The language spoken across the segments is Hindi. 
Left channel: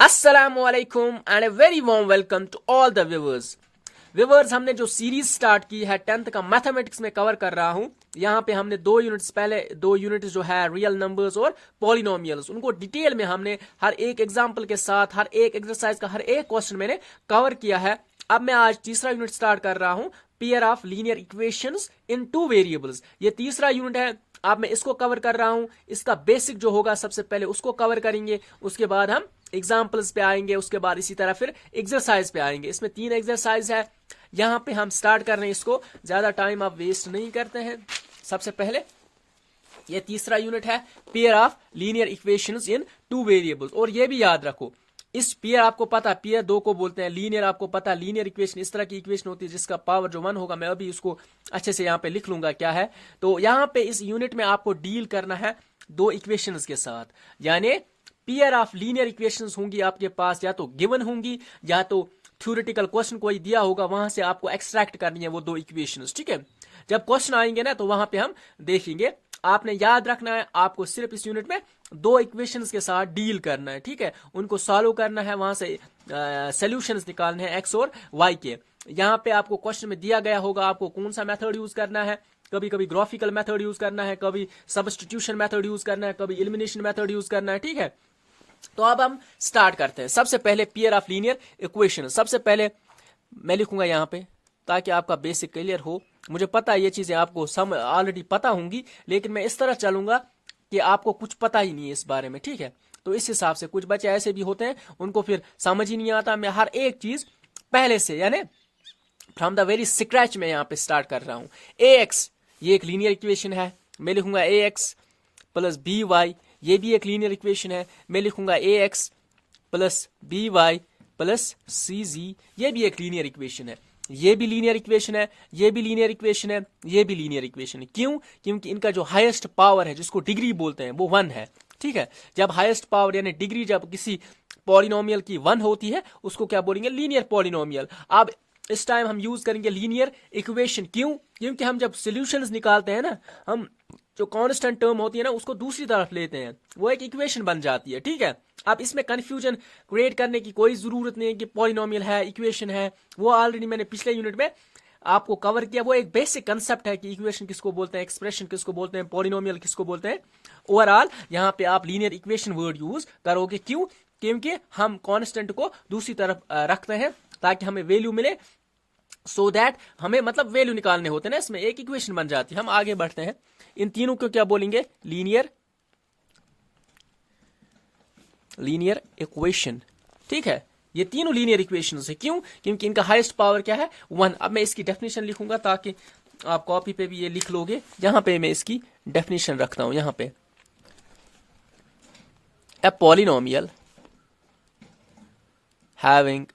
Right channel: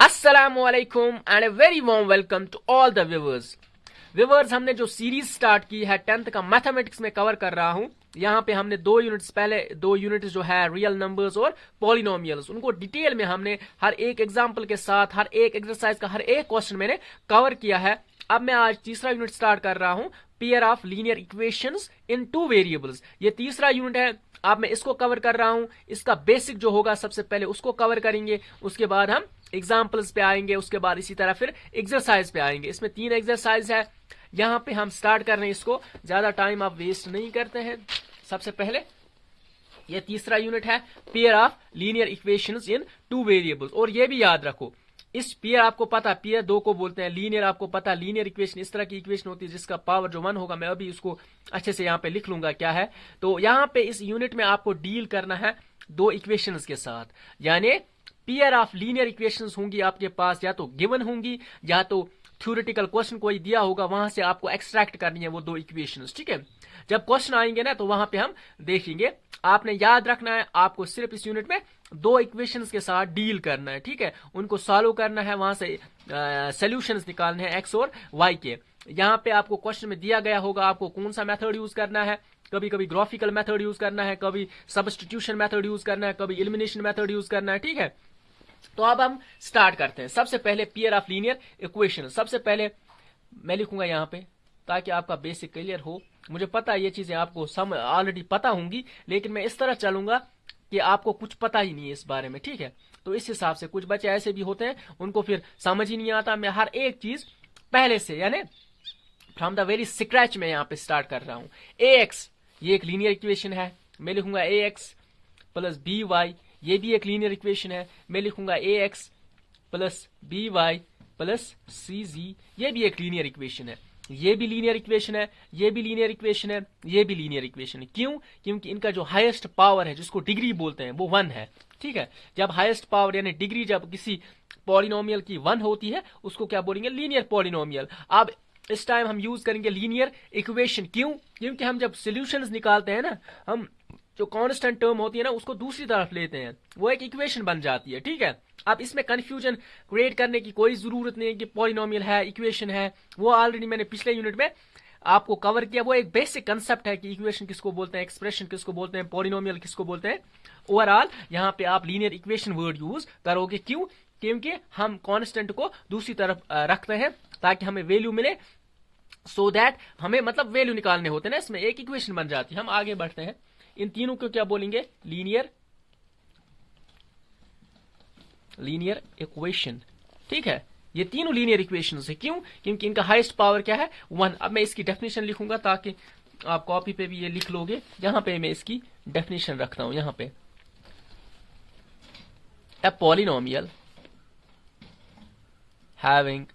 अस्सलामुअलैकुम and a very warm welcome to all the viewers हमने जो सीरीज स्टार्ट की है 10th का मैथमेटिक्स में कवर कर रहा हूं। यहाँ पे हमने दो यूनिट्स जो है रियल नंबर्स और पॉलिनोमियल्स, उनको डिटेल में हमने हर एक एग्जांपल के साथ हर एक एक्सरसाइज का हर एक क्वेश्चन मैंने कवर किया है। अब मैं आज तीसरा यूनिट स्टार्ट कर रहा हूं, pair of linear equations in two variables. ये तीसरा यूनिट है, अब मैं इसको कवर कर रहा हूं। इसका बेसिक जो होगा सबसे पहले उसको कवर करेंगे, उसके बाद हम एग्जाम्पल्स पे आएंगे, उसके बाद इसी तरह फिर एक्सरसाइज पे आएंगे। इसमें 3 एक्सरसाइज है। यहां पे हम स्टार्ट कर रहे हैं इसको, ज्यादा टाइम आप वेस्ट नहीं करते हैं। सबसे पहले ये तीसरा यूनिट है, pair of linear equations in two variables. और ये भी याद रखो, इस पेयर आपको पता, पेयर 2 को बोलते हैं, लीनियर आपको पता, लीनियर इक्वेशन इस तरह की इक्वेशन होती है जिसका पावर जो 1 होगा। मैं अभी उसको अच्छे से यहाँ पे लिख लूंगा क्या है। तो यहाँ पे इस यूनिट में आपको डील करना है 2 इक्वेशंस के साथ, यानी पेयर ऑफ लीनियर इक्वेशंस होंगी आपके पास, या तो गिवन होंगी या तो थ्योरेटिकल क्वेश्चन कोई दिया होगा, वहां से आपको एक्सट्रैक्ट करनी है वो 2 इक्वेशंस। ठीक है, जब क्वेश्चन आएंगे ना तो वहां पे हम देखेंगे। आपने याद रखना है, आपको सिर्फ इस यूनिट में 2 इक्वेशंस के साथ डील करना है। ठीक है, उनको सॉल्व करना है, वहां से सॉल्यूशंस निकालने हैं एक्स और वाई के। यहाँ पे आपको क्वेश्चन में दिया गया होगा आपको कौन सा मेथड यूज करना है। कभी कभी ग्राफिकल मेथड यूज करना है, कभी सब्स्टिट्यूशन मेथड यूज करना है, कभी एलिमिनेशन मेथड यूज करना है। ठीक है, तो अब हम स्टार्ट करते हैं। सबसे पहले पेयर ऑफ लीनियर इक्वेशन, सबसे पहले मैं लिखूंगा यहाँ पे ताकि आपका बेसिक क्लियर हो। मुझे पता है ये चीजें आपको ऑलरेडी पता होंगी, लेकिन मैं इस तरह चलूंगा कि आपको कुछ पता ही नहीं है इस बारे में। ठीक है, तो इस हिसाब से कुछ बच्चे ऐसे भी होते हैं उनको फिर समझ ही नहीं आता। मैं हर एक चीज पहले से यानी फ्रॉम द वेरी स्क्रैच में यहाँ पे स्टार्ट कर रहा हूं। ए एक्स ये एक लीनियर इक्वेशन है, मैं लिखूंगा a x plus b y. ये भी एक लीनियर इक्वेशन है, मैं लिखूंगा a x plus b y plus c z. ये भी एक लीनियर इक्वेशन है, ये भी लीनियर इक्वेशन है, ये भी लीनियर इक्वेशन है, ये भी लीनियर इक्वेशन है। क्यों? क्योंकि इनका जो हाईएस्ट पावर है जिसको डिग्री बोलते हैं वो 1 है। ठीक है, जब हाईएस्ट पावर यानी डिग्री जब किसी पॉलिनोमियल की 1 होती है उसको क्या बोलेंगे? Linear polynomial. अब इस टाइम हम यूज करेंगे लीनियर इक्वेशन। क्यों? क्योंकि हम जब सोल्यूशंस निकालते हैं ना, हम जो कांस्टेंट टर्म होती है ना उसको दूसरी तरफ लेते हैं, वो एक इक्वेशन बन जाती है। ठीक है, अब इसमें कंफ्यूजन क्रिएट करने की कोई जरूरत नहीं है कि पॉलिनोमियल है इक्वेशन है, वो ऑलरेडी मैंने पिछले यूनिट में आपको कवर किया। वो एक बेसिक कंसेप्ट है कि इक्वेशन किसको बोलते हैं, एक्सप्रेशन किसको बोलते हैं, पॉलिनोमियल किसको बोलते हैं। ओवरऑल यहाँ पे आप लीनियर इक्वेशन वर्ड यूज करोगे। क्यों? क्योंकि हम कांस्टेंट को दूसरी तरफ रखते हैं ताकि हमें वैल्यू मिले, सो दैट हमें मतलब वैल्यू निकालने होते हैं ना, इसमें एक इक्वेशन बन जाती है। हम आगे बढ़ते हैं, इन तीनों को क्या बोलेंगे? Linear equation. ठीक है, ये तीनों लीनियर इक्वेशंस है। क्यों? क्योंकि इनका हाईएस्ट पावर क्या है? 1। अब मैं इसकी डेफिनेशन लिखूंगा ताकि आप कॉपी पे भी ये लिख लोगे। यहां पे मैं इसकी डेफिनेशन रखता हूं, यहां पे a polynomial having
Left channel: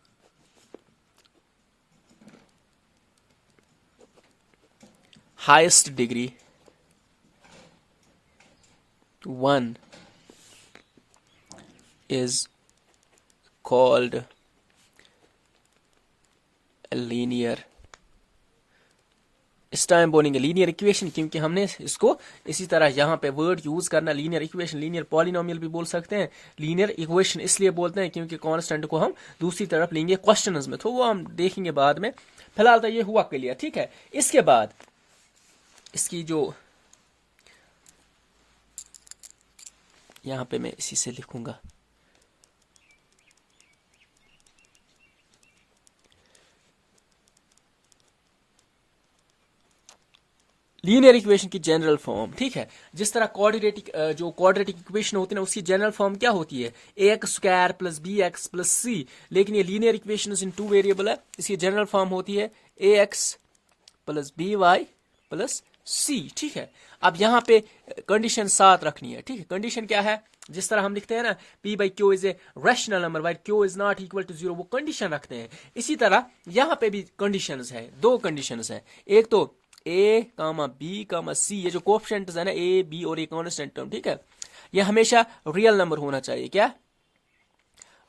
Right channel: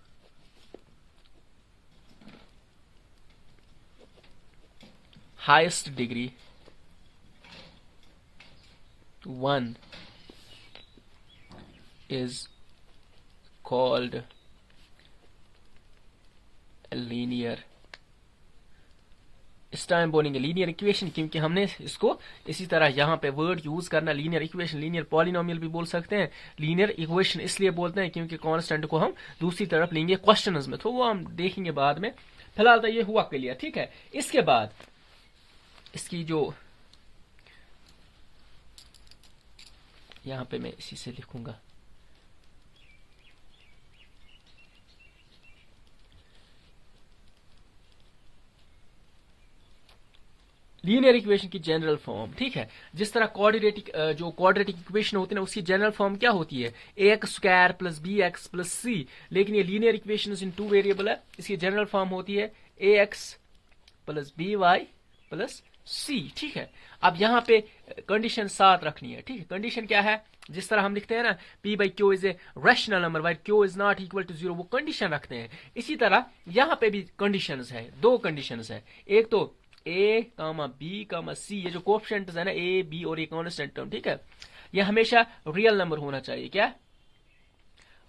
highest degree 1 is called a linear। इस टाइम बोलेंगे लीनियर इक्वेशन क्योंकि हमने इसको इसी तरह यहां पे वर्ड यूज करना। लीनियर इक्वेशन, लीनियर पॉलिनोमियल भी बोल सकते हैं, लीनियर इक्वेशन इसलिए बोलते हैं क्योंकि कांस्टेंट को हम दूसरी तरफ लेंगे क्वेश्चंस में, तो वो हम देखेंगे बाद में। फिलहाल तो ये हुआ क्लियर। ठीक है, इसके बाद इसकी जो यहां पे मैं इसी से लिखूंगा, लीनियर इक्वेशन की जनरल फॉर्म। ठीक है, जिस तरह क्वाड्रेटिक इक्वेशन होती है ना, उसकी जनरल फॉर्म क्या होती है? A x square plus b x plus c. लेकिन ये linear equation in two variable है, इसकी जनरल फॉर्म होती है a x plus b y plus c. ठीक है, अब यहां पे कंडीशन साथ रखनी है। ठीक है, कंडीशन क्या है? जिस तरह हम लिखते हैं ना, P by Q is a rational number, with Q is not equal to 0, वो कंडीशन रखते हैं। इसी तरह यहां पे भी कंडीशंस है, 2 कंडीशंस है। एक तो ए कामा बी कामा सी, ये जो कोएफिशिएंट्स है ना ए बी और ये कांस्टेंट टर्म, ठीक है, ये हमेशा रियल नंबर होना चाहिए। क्या?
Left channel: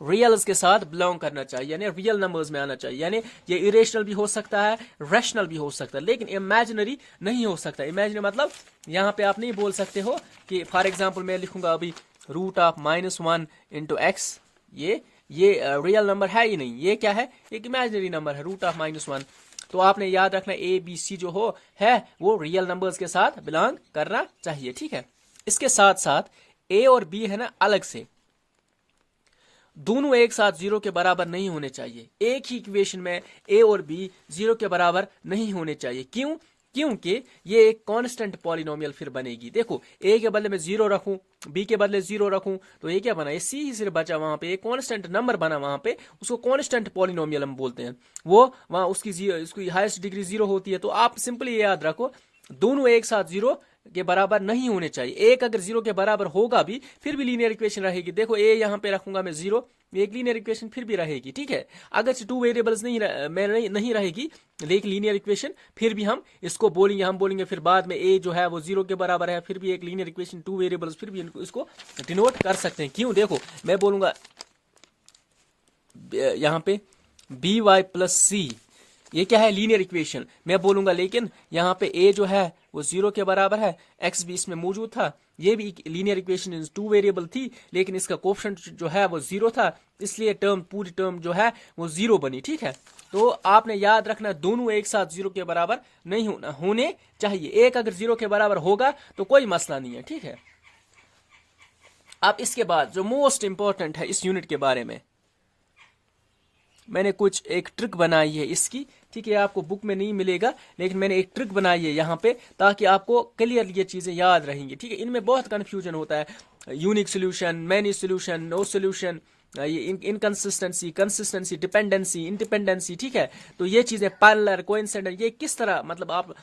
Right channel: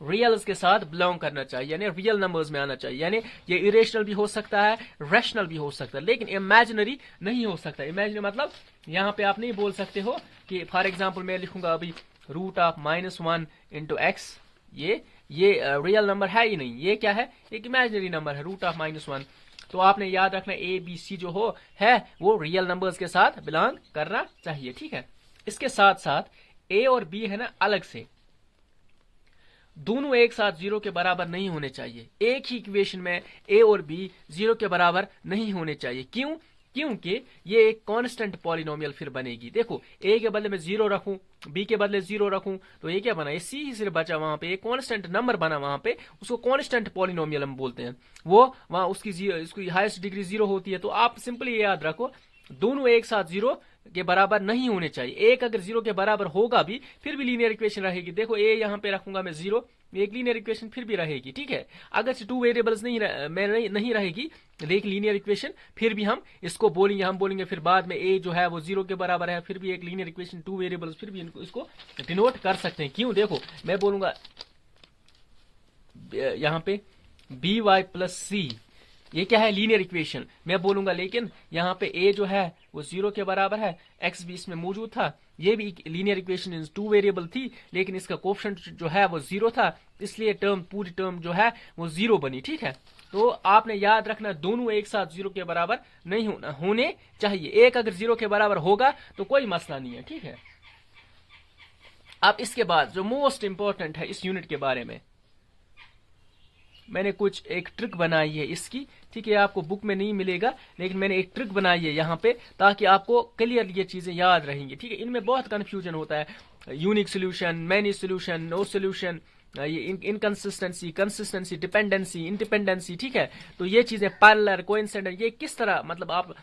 रियल्स के साथ बिलोंग करना चाहिए, यानी रियल नंबर्स में आना चाहिए। यानी ये इरेशनल भी हो सकता है, रैशनल भी हो सकता है, लेकिन इमेजिनरी नहीं हो सकता। इमेजिनरी मतलब यहाँ पे आप नहीं बोल सकते हो कि फॉर एग्जांपल मैं लिखूंगा अभी रूट ऑफ -1 इंटू एक्स, ये रियल नंबर है ही नहीं, ये क्या है, एक इमेजिनरी नंबर है, √(-1). तो आपने याद रखना ए बी सी जो हो है वो रियल नंबर्स के साथ बिलोंग करना चाहिए, ठीक है। इसके साथ साथ ए और बी है ना अलग से, दोनों एक साथ 0 के बराबर नहीं होने चाहिए। एक ही इक्वेशन में ए और बी 0 के बराबर नहीं होने चाहिए। क्यों? क्योंकि ये एक कांस्टेंट पॉलिनोमियल फिर बनेगी। देखो ए के बदले में 0 रखूं, बी के बदले 0 रखूं, तो ये क्या बना, ये सी ही सिर्फ बचा वहां पे, एक कांस्टेंट नंबर बना वहां पे, उसको कांस्टेंट पॉलिनोमियल हम बोलते हैं। वो वहां उसकी हाईएस्ट डिग्री 0 होती है। तो आप सिंपली ये याद रखो, दोनों एक साथ 0 के बराबर नहीं होने चाहिए। एक अगर 0 के बराबर होगा भी फिर भी लीनियर इक्वेशन रहेगी। देखो ए यहां पे रखूंगा मैं 0, एक लीनियर इक्वेशन फिर भी रहेगी, ठीक है। अगर से 2 वेरिएबल्स नहीं रहेगी लेकिन लीनियर इक्वेशन फिर भी हम इसको बोलेंगे, हम बोलेंगे फिर बाद में ए जो है वो 0 के बराबर है, फिर भी एक लीनियर इक्वेशन 2 वेरिएबल्स फिर भी इसको डिनोट कर सकते हैं। क्यों? देखो मैं बोलूंगा यहां पे by प्लस सी, ये क्या है, लीनियर इक्वेशन मैं बोलूंगा, लेकिन यहाँ पे a जो है वो 0 के बराबर है, x भी इसमें मौजूद था, ये भी लीनियर इक्वेशन 2 वेरिएबल थी, लेकिन इसका कोएफिशिएंट जो है वो 0 था, इसलिए पूरी टर्म जो है वो 0 बनी, ठीक है। तो आपने याद रखना दोनों एक साथ 0 के बराबर नहीं होने चाहिए। एक अगर 0 के बराबर होगा तो कोई मसला नहीं है, ठीक है। अब इसके बाद जो मोस्ट इंपॉर्टेंट है इस यूनिट के बारे में, मैंने कुछ एक ट्रिक बनाई है इसकी, ठीक है। आपको बुक में नहीं मिलेगा लेकिन मैंने एक ट्रिक बनाई है यहाँ पे, ताकि आपको क्लियर ये चीजें याद रहेंगी, ठीक है। इनमें बहुत कंफ्यूजन होता है, unique solution, many solution, no solution, ये इनकंसिस्टेंसी, कंसिस्टेंसी, डिपेंडेंसी, इंडिपेंडेंसी, ठीक है। तो ये चीजें पैरेलल, कोइंसिडेंट, ये किस तरह मतलब आप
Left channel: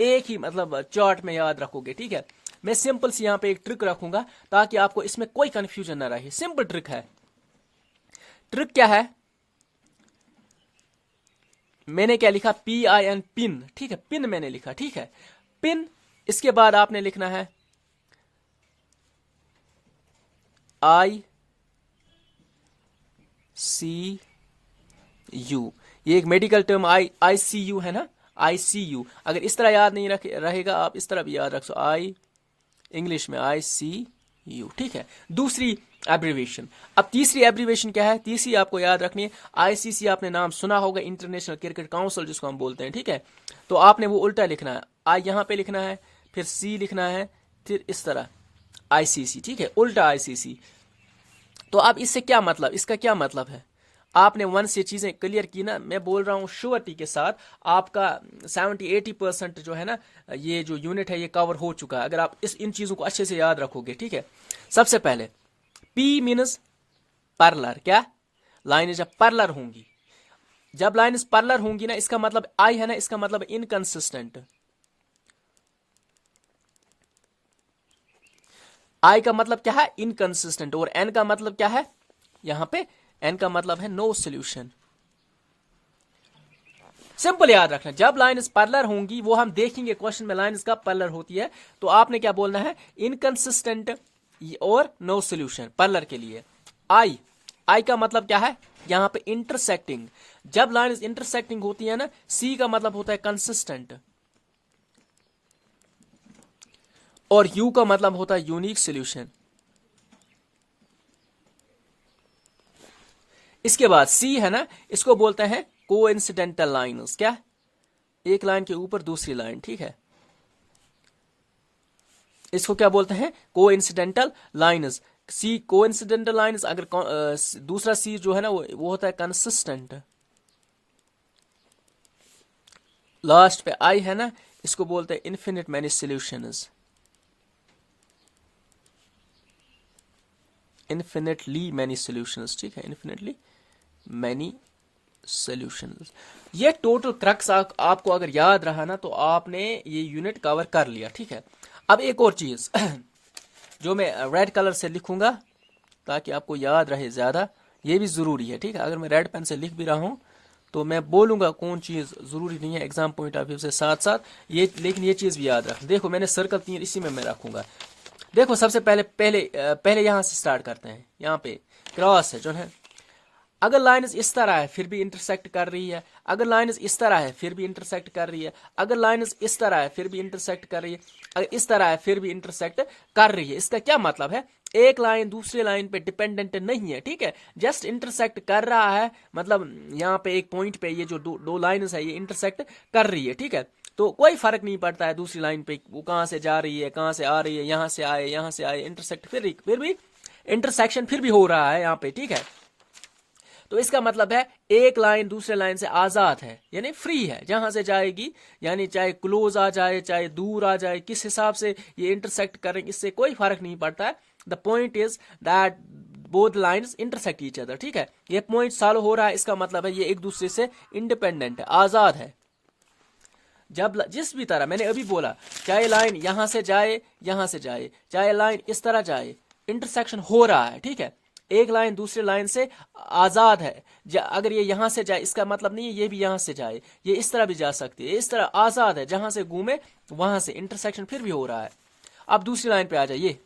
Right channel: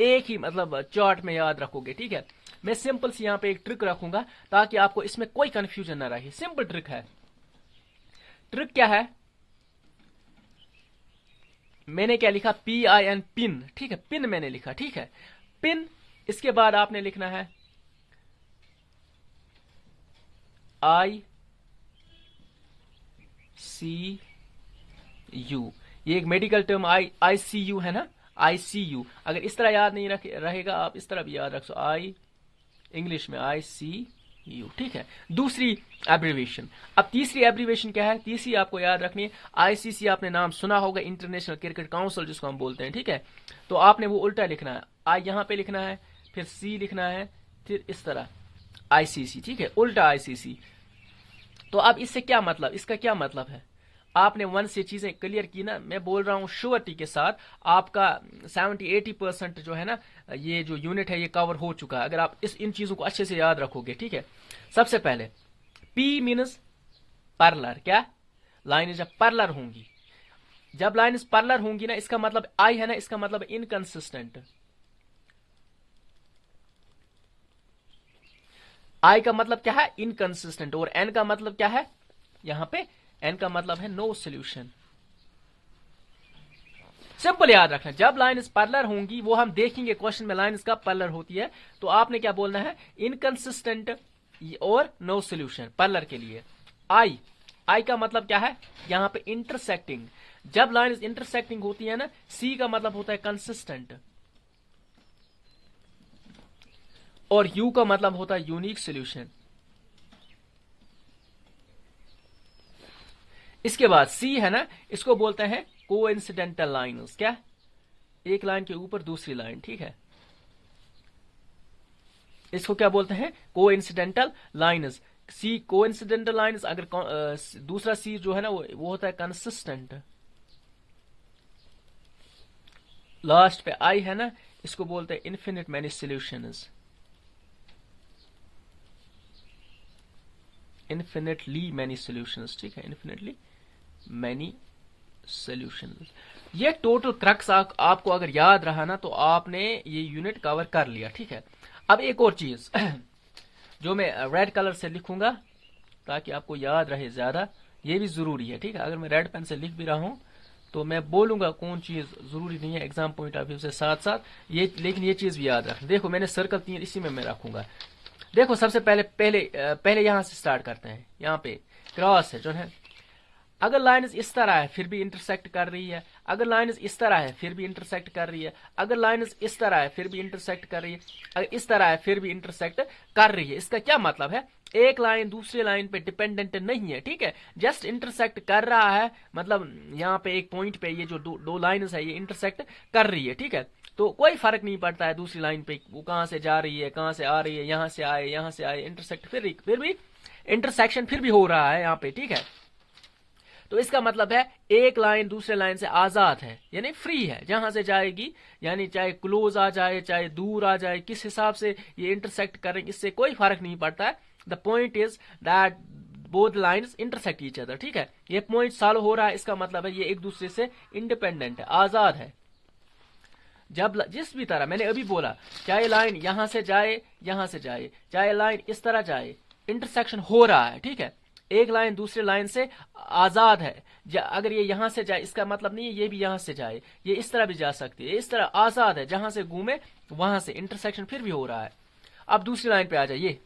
एक ही मतलब चार्ट में याद रखोगे, ठीक है। मैं सिंपल सी यहाँ पे एक ट्रिक रखूंगा ताकि आपको इसमें कोई कंफ्यूजन ना रहे। सिंपल ट्रिक है। ट्रिक क्या है, मैंने क्या लिखा, PIN, पिन, ठीक है, पिन मैंने लिखा, ठीक है, पिन। इसके बाद आपने लिखना है ICU, ये एक मेडिकल टर्म ICU है ना, ICU। अगर इस तरह याद नहीं रहेगा आप इस तरह भी याद रख सकते, इंग्लिश में ICU, ठीक है। दूसरी एब्रीवेशन। अब तीसरी एब्रीवेशन क्या है, तीसरी आपको याद रखनी है, ICC आपने नाम सुना होगा, इंटरनेशनल क्रिकेट काउंसिल जिसको हम बोलते हैं, ठीक है। तो आपने वो उल्टा लिखना है, आई यहां पे लिखना है, फिर सी लिखना है, फिर इस तरह ICC, ठीक है, उल्टा ICC। तो अब इससे क्या मतलब, इसका क्या मतलब है, आपने 1 से चीजें क्लियर की ना, मैं बोल रहा हूं श्योरिटी के साथ आपका 70-80% जो है ना ये जो यूनिट है ये कवर हो चुका है, अगर आप इन चीजों को अच्छे से याद रखोगे, ठीक है। सबसे पहले P मीन्स पैरेलल, क्या, लाइन जब पैरेलल होंगी, जब लाइन पैरेलल होंगी ना, इसका मतलब I है ना, इसका मतलब इनकंसिस्टेंट, I का मतलब क्या है, इनकंसिस्टेंट, और N का मतलब क्या है, यहां पे N का मतलब है नो सोल्यूशन। सिंपल याद रखना, जब लाइन्स पैरेलल होंगी, वो हम देखेंगे क्वेश्चन में लाइन्स कब पैरेलल होती है, तो आपने क्या बोलना है, इनकंसिस्टेंट और नो सोल्यूशन पैरेलल के लिए। आई का मतलब क्या है, यहां पे इंटरसेक्टिंग, जब लाइन्स इंटरसेक्टिंग होती है ना, सी का मतलब होता है कंसिस्टेंट, और यू का मतलब होता है यूनिक सोल्यूशन। इसके बाद सी है ना, इसको बोलते हैं कोइंसिडेंटल लाइन्स, क्या, एक लाइन के ऊपर दूसरी लाइन, ठीक है, इसको क्या बोलते हैं, कोइंसिडेंटल लाइन्स। सी कोइंसिडेंटल लाइन्स, अगर दूसरा सी जो है ना वो होता है कंसिस्टेंट। लास्ट पे आई है ना, इसको बोलते हैं infinite many solutions, infinitely many solutions, ठीक है, इन्फिनिटली मैनी सॉल्यूशंस। ये टोटल क्रक्स आपको अगर याद रहा ना तो आपने ये यूनिट कवर कर लिया, ठीक है। अब एक और चीज जो मैं रेड कलर से लिखूंगा ताकि आपको याद रहे ज्यादा, ये भी जरूरी है, ठीक है। अगर मैं रेड पेन से लिख भी रहा हूं तो मैं बोलूंगा कौन चीज जरूरी नहीं है एग्जाम पॉइंट ऑफ व्यू से, साथ साथ ये, लेकिन ये चीज भी याद रख। देखो मैंने सर्कल 3 इसी में मैं रखूंगा। देखो सबसे पहले यहां से स्टार्ट करते हैं, यहाँ पे क्रॉस है जो है, अगर लाइन इस तरह है फिर भी इंटरसेक्ट कर रही है, अगर लाइन इस तरह है फिर भी इंटरसेक्ट कर रही है, अगर लाइन इस तरह है फिर भी इंटरसेक्ट कर रही है, अगर इस तरह है फिर भी इंटरसेक्ट कर रही है। इसका क्या मतलब है, एक लाइन दूसरे लाइन पे डिपेंडेंट नहीं है, ठीक है, जस्ट इंटरसेक्ट कर रहा है, मतलब यहाँ पे एक पॉइंट पे ये जो दो लाइन्स है ये इंटरसेक्ट कर रही है, ठीक है, तो कोई फर्क नहीं पड़ता है दूसरी लाइन पे वो कहाँ से जा रही है, कहाँ से आ रही है, यहाँ से आए इंटरसेक्ट फिर भी इंटरसेक्शन फिर भी हो रहा है यहाँ पे, ठीक है। तो इसका मतलब है एक लाइन दूसरे लाइन से आजाद है, यानी फ्री है, जहां से जाएगी, यानी चाहे क्लोज आ जाए चाहे दूर आ जाए, किस हिसाब से ये इंटरसेक्ट करेंगे इससे कोई फर्क नहीं पड़ता है। The point is that both lines intersect each other, ठीक है, ये पॉइंट सॉल्व हो रहा है, इसका मतलब है ये एक दूसरे से इंडिपेंडेंट है, आजाद है। जब जिस भी तरह मैंने अभी बोला, चाहे लाइन यहां से जाए चाहे लाइन इस तरह जाए, इंटरसेक्शन हो रहा है, ठीक है, एक लाइन दूसरे लाइन से आजाद है। अगर ये यहां से जाए इसका मतलब नहीं है ये भी यहां से जाए, ये इस तरह भी जा सकती है, इस तरह आजाद है, जहां से घूमे वहां से इंटरसेक्शन फिर भी हो रहा है। अब दूसरी लाइन पे आ जाइए,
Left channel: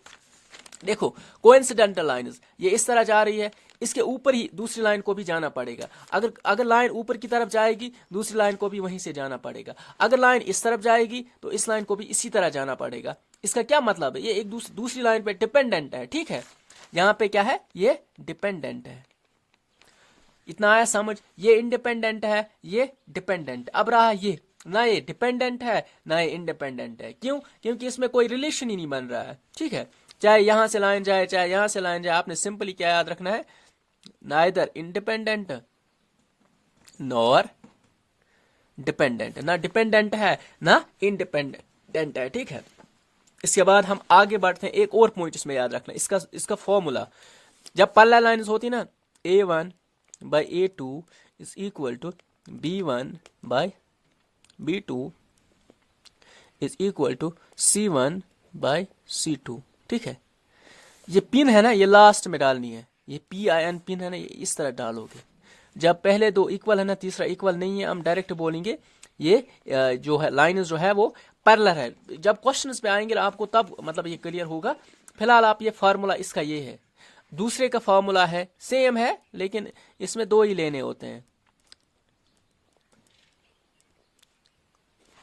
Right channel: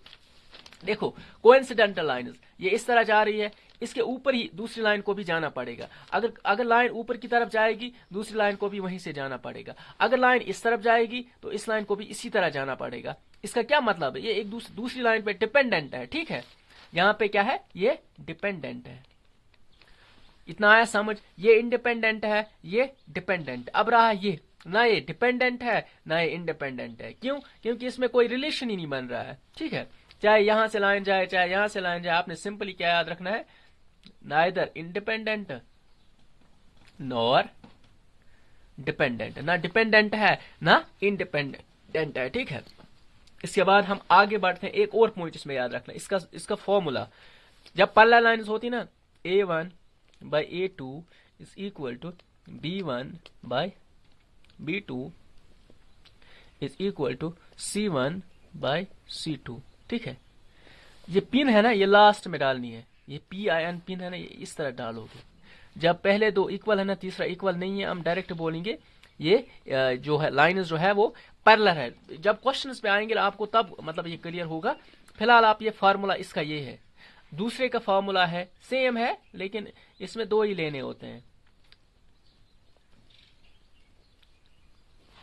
देखो कोइंसिडेंटल लाइन्स, ये इस तरह जा रही है, इसके ऊपर ही दूसरी लाइन को भी जाना पड़ेगा। अगर लाइन ऊपर की तरफ जाएगी दूसरी लाइन को भी वहीं से जाना पड़ेगा, अगर लाइन इस तरफ जाएगी तो इस लाइन को भी इसी तरह जाना पड़ेगा। इसका क्या मतलब है, ये एक दूसरी लाइन पे डिपेंडेंट है, ठीक है, यहां पे क्या है, ये डिपेंडेंट है। इतना आया समझ, ये इंडिपेंडेंट है, ये डिपेंडेंट। अब रहा ये, ना ये डिपेंडेंट है ना ये इंडिपेंडेंट है, क्यों, क्योंकि इसमें कोई रिलेशन ही नहीं बन रहा है, ठीक है, चाहे यहां से लाइन जाए चाहे यहां से लाइन जाए, आपने सिंपली क्या याद रखना है, नाइदर इंडिपेंडेंट नॉर डिपेंडेंट, ना डिपेंडेंट है ना इंडिपेंडेंट है, ठीक है। इसके बाद हम आगे बढ़ते हैं, एक और पॉइंट इसमें याद रखना, इसका फॉर्मूला, जब पैरेलल लाइन्स होती ना, A1 by A2 is equal to B1 by B2 is equal to C1 by C2, ठीक है। ये पिन है ना, ये लास्ट में डालनी है, ये PIN पिन है ना, ये इस तरह डालोगे। जब पहले दो इक्वल है ना, तीसरा इक्वल नहीं है, हम डायरेक्ट बोलेंगे ये जो है लाइन्स जो है वो पैरेलल है। जब क्वेश्चंस पे आएंगे आपको तब मतलब ये क्लियर होगा। फिलहाल आप ये फार्मूला इसका ये है, दूसरे का फार्मूला है सेम है लेकिन इसमें दो ही लेने होते हैं।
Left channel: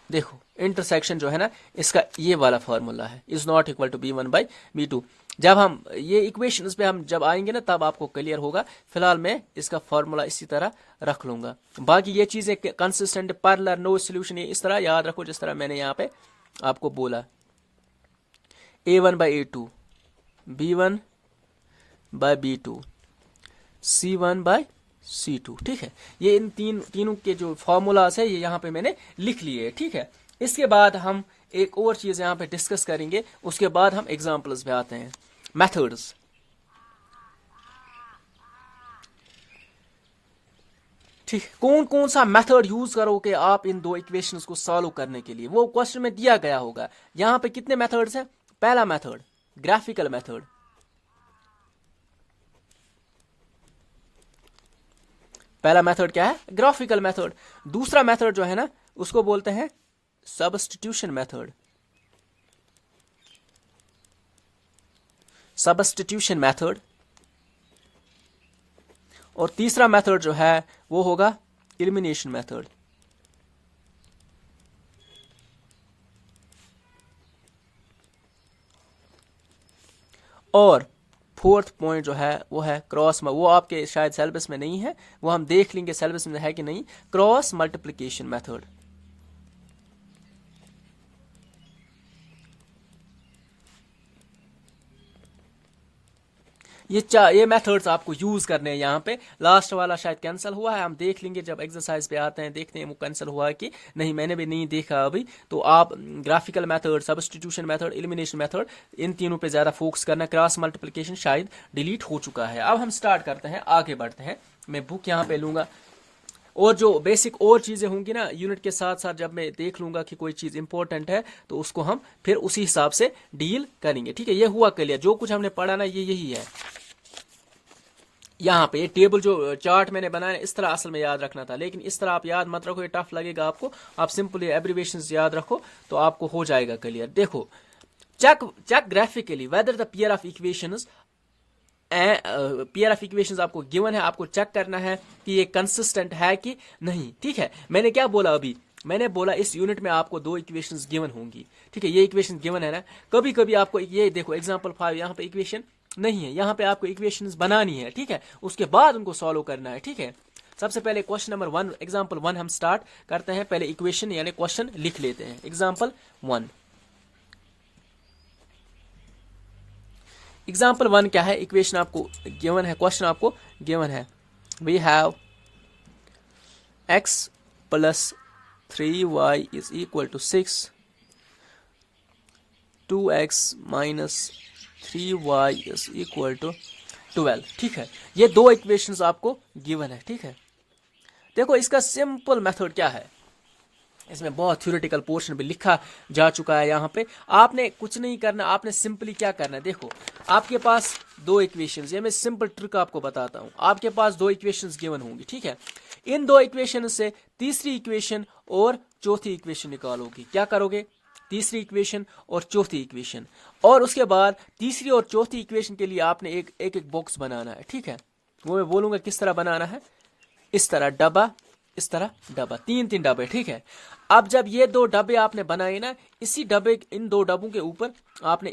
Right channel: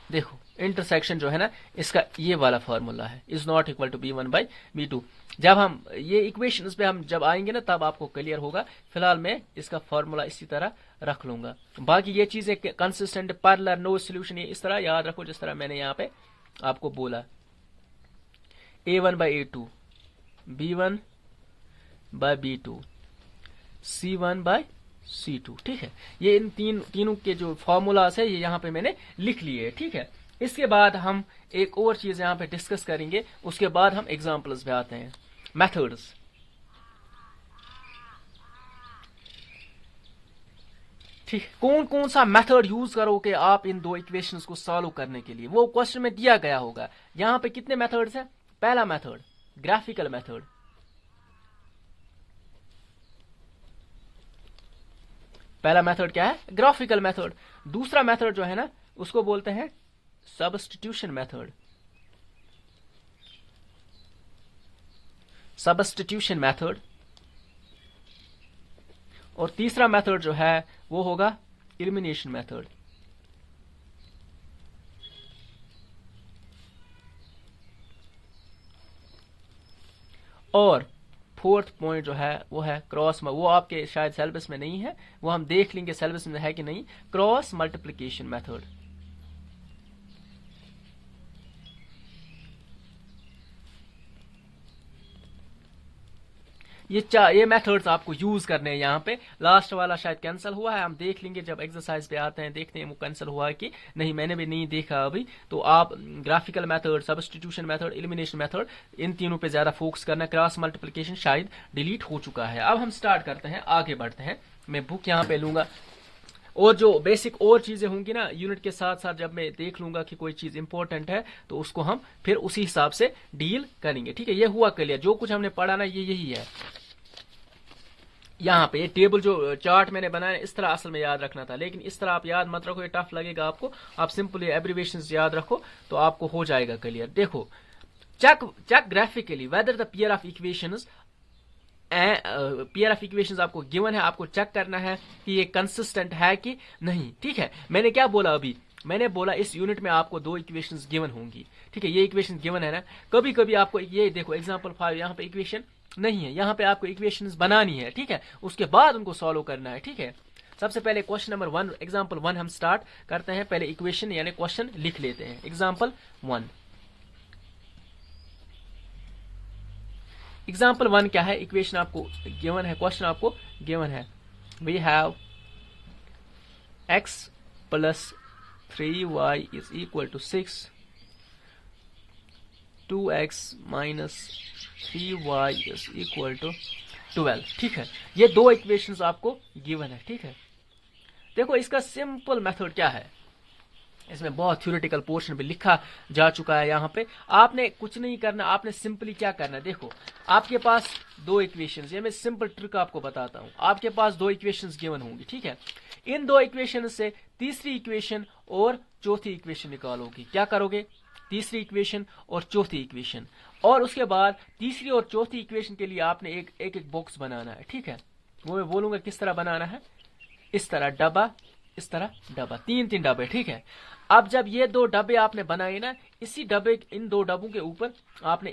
देखो इंटरसेक्शन जो है ना, इसका ये वाला फार्मूला है, is not equal to B1 by B2। जब हम ये इक्वेशंस पे हम जब आएंगे ना तब आपको क्लियर होगा। फिलहाल मैं इसका फार्मूला इसी तरह रख लूंगा। बाकी ये चीजें कंसिस्टेंट, पैरेलल, नो सॉल्यूशन, ये इस तरह याद रखो जिस तरह मैंने यहाँ पे आपको बोला। A1 by A2, B1 by B2, C1 by C2, ठीक है। ये इन तीनों के जो फॉर्मूलाज है ये यहाँ पे मैंने लिख लिए, ठीक है। इसके बाद हम एक और चीज यहाँ पे डिस्कस करेंगे, उसके बाद हम एग्जांपल्स पे आते हैं, मेथड्स। ठीक, कौन कौन सा मेथड यूज करोगे आप इन दो इक्वेशंस को सॉल्व करने के लिए, वो क्वेश्चन में दिया गया होगा। यहाँ पे कितने मेथड्स हैं? पहला मेथड ग्राफिकल मेथड, पहला मेथड क्या है? Graphical method. दूसरा मेथड जो है ना उसको बोलते हैं सब्स्टिट्यूशन मेथड, सब्स्टिट्यूशन मेथड। और तीसरा मेथड जो है वो होगा एलिमिनेशन मेथड। और फोर्थ पॉइंट जो है वो है क्रॉस, वो आपके शायद सिलेबस में नहीं है, वो हम देख लेंगे सिलेबस में है कि नहीं, क्रॉस मल्टीप्लिकेशन मेथड। ये मेथड्स आपको यूज करने हैं। यहाँ पे लास्ट वाला शायद कैंसिल हुआ है, हम देख लेंगे जब एक्सरसाइज पे आते हैं, देखते हैं वो कैंसिल हुआ है कि नहीं, मैंने भी नहीं देखा अभी। तो आप graphical method, substitution method, elimination method, इन तीनों पे ज्यादा फोकस करना। क्रॉस मल्टीप्लिकेशन शायद डिलीट हो चुका है। अब हम स्टार्ट करते हैं, आगे बढ़ते हैं। मैं बुक यहाँ पे लूंगा और जो बेसिक और चीजें होंगी ना यूनिट के साथ साथ, जब मैं देख लूंगा कि कोई चीज इंपॉर्टेंट है तो उसको हम फिर उसी हिसाब से डील करेंगे। ठीक है, ये हुआ क्लियर। जो कुछ हमने पढ़ा ना ये यही है। यहाँ पे ये टेबल जो चार्ट मैंने बनाया इस तरह असल में याद रखना था, लेकिन इस तरह आप याद मत रखो, ये टफ लगेगा आपको। आप सिंपली एब्रिविएशंस याद रखो तो आपको हो जाएगा क्लियर। देखो, check graphically whether the pair of equations, pair of equations आपको गिवन है, आपको चेक करना है कि ये कंसिस्टेंट है कि नहीं। ठीक है, मैंने क्या बोला अभी, मैंने बोला इस यूनिट में आपको दो इक्वेशंस गिवन होंगी। ठीक है, ये इक्वेशन गिवन है ना। कभी कभी आपको ये देखो एग्जांपल 5, यहाँ पे इक्वेशन नहीं है, यहाँ पे आपको इक्वेशंस बनानी है, ठीक है, उसके बाद उनको सॉल्व करना है, ठीक है। सबसे पहले क्वेश्चन नंबर 1 एग्जांपल 1 हम स्टार्ट करते हैं। पहले इक्वेशन यानी क्वेश्चन लिख लेते हैं। एग्जांपल 1, एग्जांपल 1 क्या है, इक्वेशन आपको गिवन है, क्वेश्चन आपको गिवन है, we have x plus 3y is equal to 6, 2x minus 3y is equal to 12, ठीक है। ये दो इक्वेशंस आपको गिवन है, ठीक है। देखो इसका सिंपल मेथड क्या है, इसमें बहुत थ्योरेटिकल पोर्शन भी लिखा जा चुका है। यहाँ पे आपने कुछ नहीं करना, आपने सिंपली क्या करना है, देखो आपके पास दो इक्वेशंस, ये मैं सिंपल ट्रिक आपको बताता हूँ। आपके पास दो इक्वेशंस गिवन होंगी, ठीक है। इन दो इक्वेशन से तीसरी इक्वेशन और चौथी इक्वेशन निकालोगे। क्या करोगे, तीसरी इक्वेशन और चौथी इक्वेशन, और उसके बाद तीसरी और चौथी इक्वेशन के लिए आपने एक एक बॉक्स बनाना है, ठीक है। वो मैं बोलूंगा किस तरह बनाना है, इस तरह डब्बा, इस तरह डब्बा, तीन तीन डब्बे, ठीक है। अब जब ये दो डब्बे आपने बनाए ना, इसी डब्बे, इन दो डब्बों के ऊपर आपने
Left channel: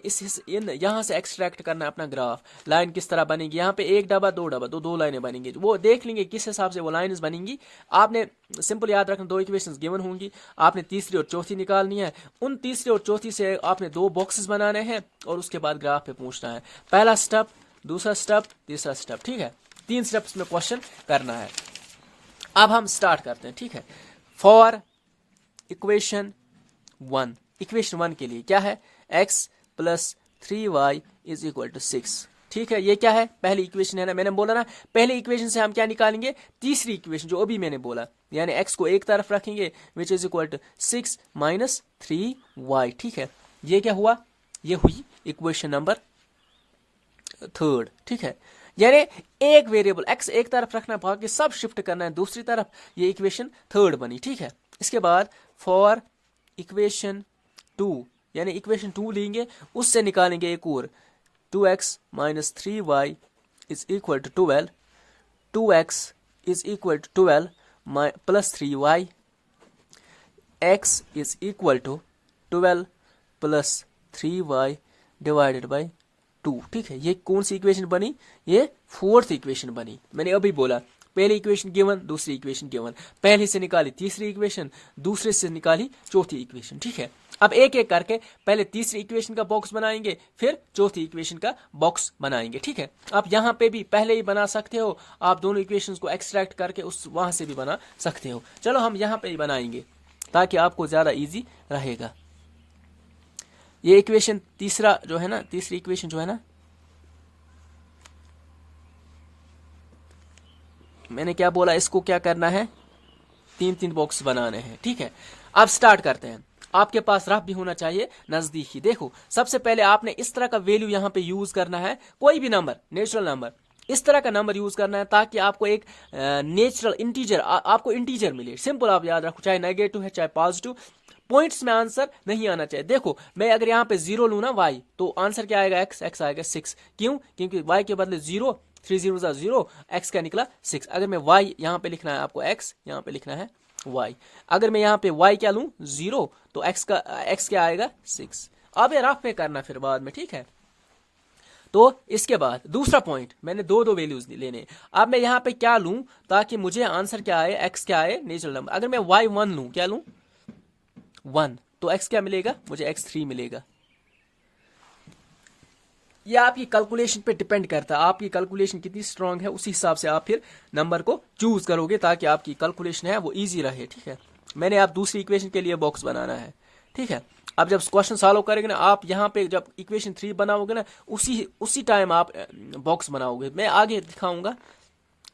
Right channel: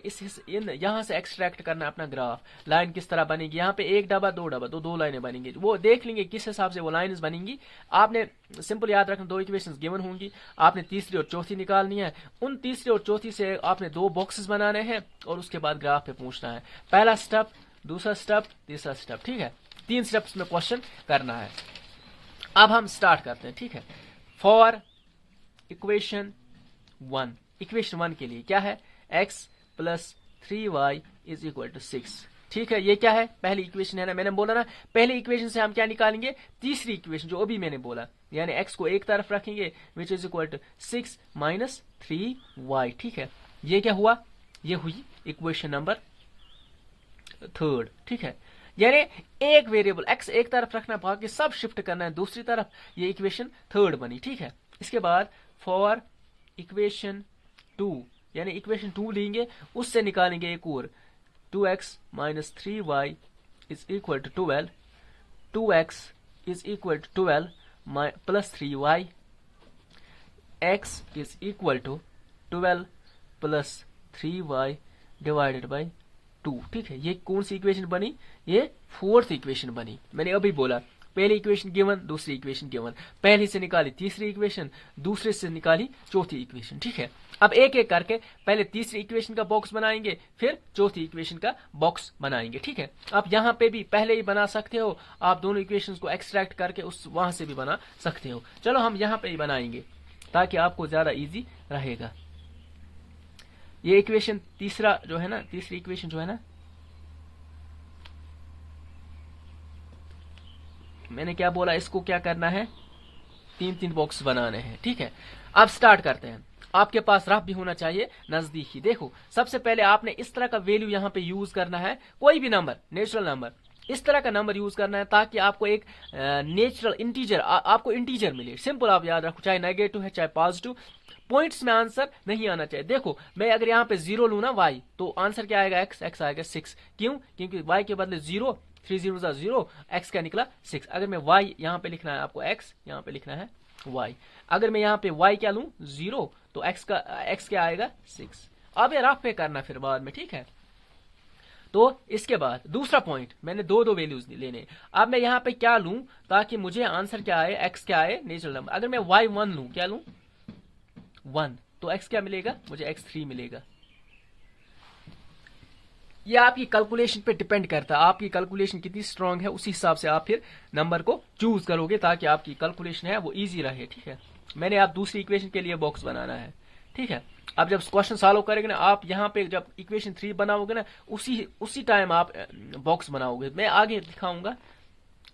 इन यहां से एक्सट्रैक्ट करना है अपना ग्राफ। लाइन किस तरह बनेगी, यहाँ पे एक डब्बा, दो डब्बा, दो लाइनें बनेंगी, वो देख लेंगे किस हिसाब से वो लाइन्स बनेंगी। आपने सिंपल याद रखना, दो इक्वेशंस गिवन होंगी, आपने तीसरी और चौथी निकालनी है। उन तीसरी और चौथी से आपने दो बॉक्सेस बनाने हैं और उसके बाद ग्राफ पे पहुंचना है। पहला स्टेप, दूसरा स्टेप, तीसरा स्टेप, ठीक है। 3 स्टेप्स में क्वेश्चन करना है। अब हम स्टार्ट करते हैं, ठीक है। फॉर इक्वेशन 1, इक्वेशन 1 के लिए क्या है, x plus 3y is equal to 6, ठीक है। ये क्या है, पहली इक्वेशन है ना, मैंने बोला ना पहली इक्वेशन से हम क्या निकालेंगे, तीसरी इक्वेशन जो अभी मैंने बोला, यानी x को एक तरफ रखेंगे, which is equal to 6 minus 3y, ठीक है। ये क्या हुआ, ये हुई इक्वेशन नंबर 3, ठीक है। यानी एक वेरिएबल x एक तरफ रखना, बाकी सब शिफ्ट करना है दूसरी तरफ, ये इक्वेशन 3 बनी, ठीक है। इसके बाद फॉर इक्वेशन 2, यानी इक्वेशन 2 लेंगे, उससे निकालेंगे एक और, 2x minus 3y is equal to 12, 2x is equal to 12 plus 3y, x is equal to 12 plus 3y divided by 2, ठीक है। ये कौन सी इक्वेशन बनी, ये 4th इक्वेशन बनी। मैंने अभी बोला पहली इक्वेशन गिवन, दूसरी इक्वेशन गिवन, पहली से निकाली तीसरी इक्वेशन, दूसरे से निकाली चौथी इक्वेशन, ठीक है। अब एक एक करके पहले तीसरी इक्वेशन का बॉक्स बनाएंगे, फिर चौथी इक्वेशन का बॉक्स बनाएंगे, ठीक है। आप यहाँ पे भी पहले ही बना सकते हो, आप दोनों इक्वेशंस को एक्सट्रैक्ट करके उस वहां से भी बना सकते हो। चलो हम यहाँ पे ही बनाएंगे ताकि आपको ज्यादा इजी रहेगा। ये इक्वेशन तीसरा जो है ना, तीसरी इक्वेशन जो है ना, मैंने क्या बोला, इसको क्या करना है, 3 बॉक्स बनाने हैं, ठीक है। अब स्टार्ट करते हैं। आपके पास रफ भी होना चाहिए नजदीकी। देखो सबसे पहले आपने इस तरह का वैल्यू यहाँ पे यूज करना है, कोई भी नंबर, नेचुरल नंबर, इस तरह का नंबर यूज करना है ताकि आपको एक नेचुरल इंटीजर, आपको इंटीजर मिले। सिंपल आप याद रखो, चाहे नेगेटिव है चाहे पॉजिटिव, पॉइंट्स में आंसर नहीं आना चाहिए। देखो मैं अगर यहाँ पे 0 लू ना y, तो आंसर क्या आएगा, x आएगा 6। क्यों, क्योंकि y के बदले 0, 3 0 0, x क्या निकला 6। अगर मैं y यहाँ पे लिखना है आपको x, यहाँ पे लिखना है y। अगर मैं यहाँ पे y क्या लूं 0, तो x क्या आएगा 6। अब ये रफ पे करना फिर बाद में, ठीक है। तो इसके बाद दूसरा पॉइंट, मैंने दो वैल्यूज लेने। अब मैं यहाँ पे क्या लूं ताकि मुझे आंसर क्या आए, x क्या आए, नेचुरल नंबर। अगर मैं y1 लूं, क्या लूं 1, तो x क्या मिलेगा, मुझे x3 मिलेगा। ये आपकी कैलकुलेशन पे डिपेंड करता है, आपकी कैलकुलेशन कितनी स्ट्रांग है, उसी हिसाब से आप फिर नंबर को चूज करोगे ताकि आपकी कैलकुलेशन है वो इजी रहे, ठीक है। मैंने आप दूसरी इक्वेशन के लिए बॉक्स बनाना है, ठीक है। अब जब क्वेश्चन सॉल्व करेंगे ना, आप यहाँ पे जब इक्वेशन 3 बनाओगे ना, उसी टाइम आप बॉक्स बनाओगे। मैं आगे दिखाऊंगा,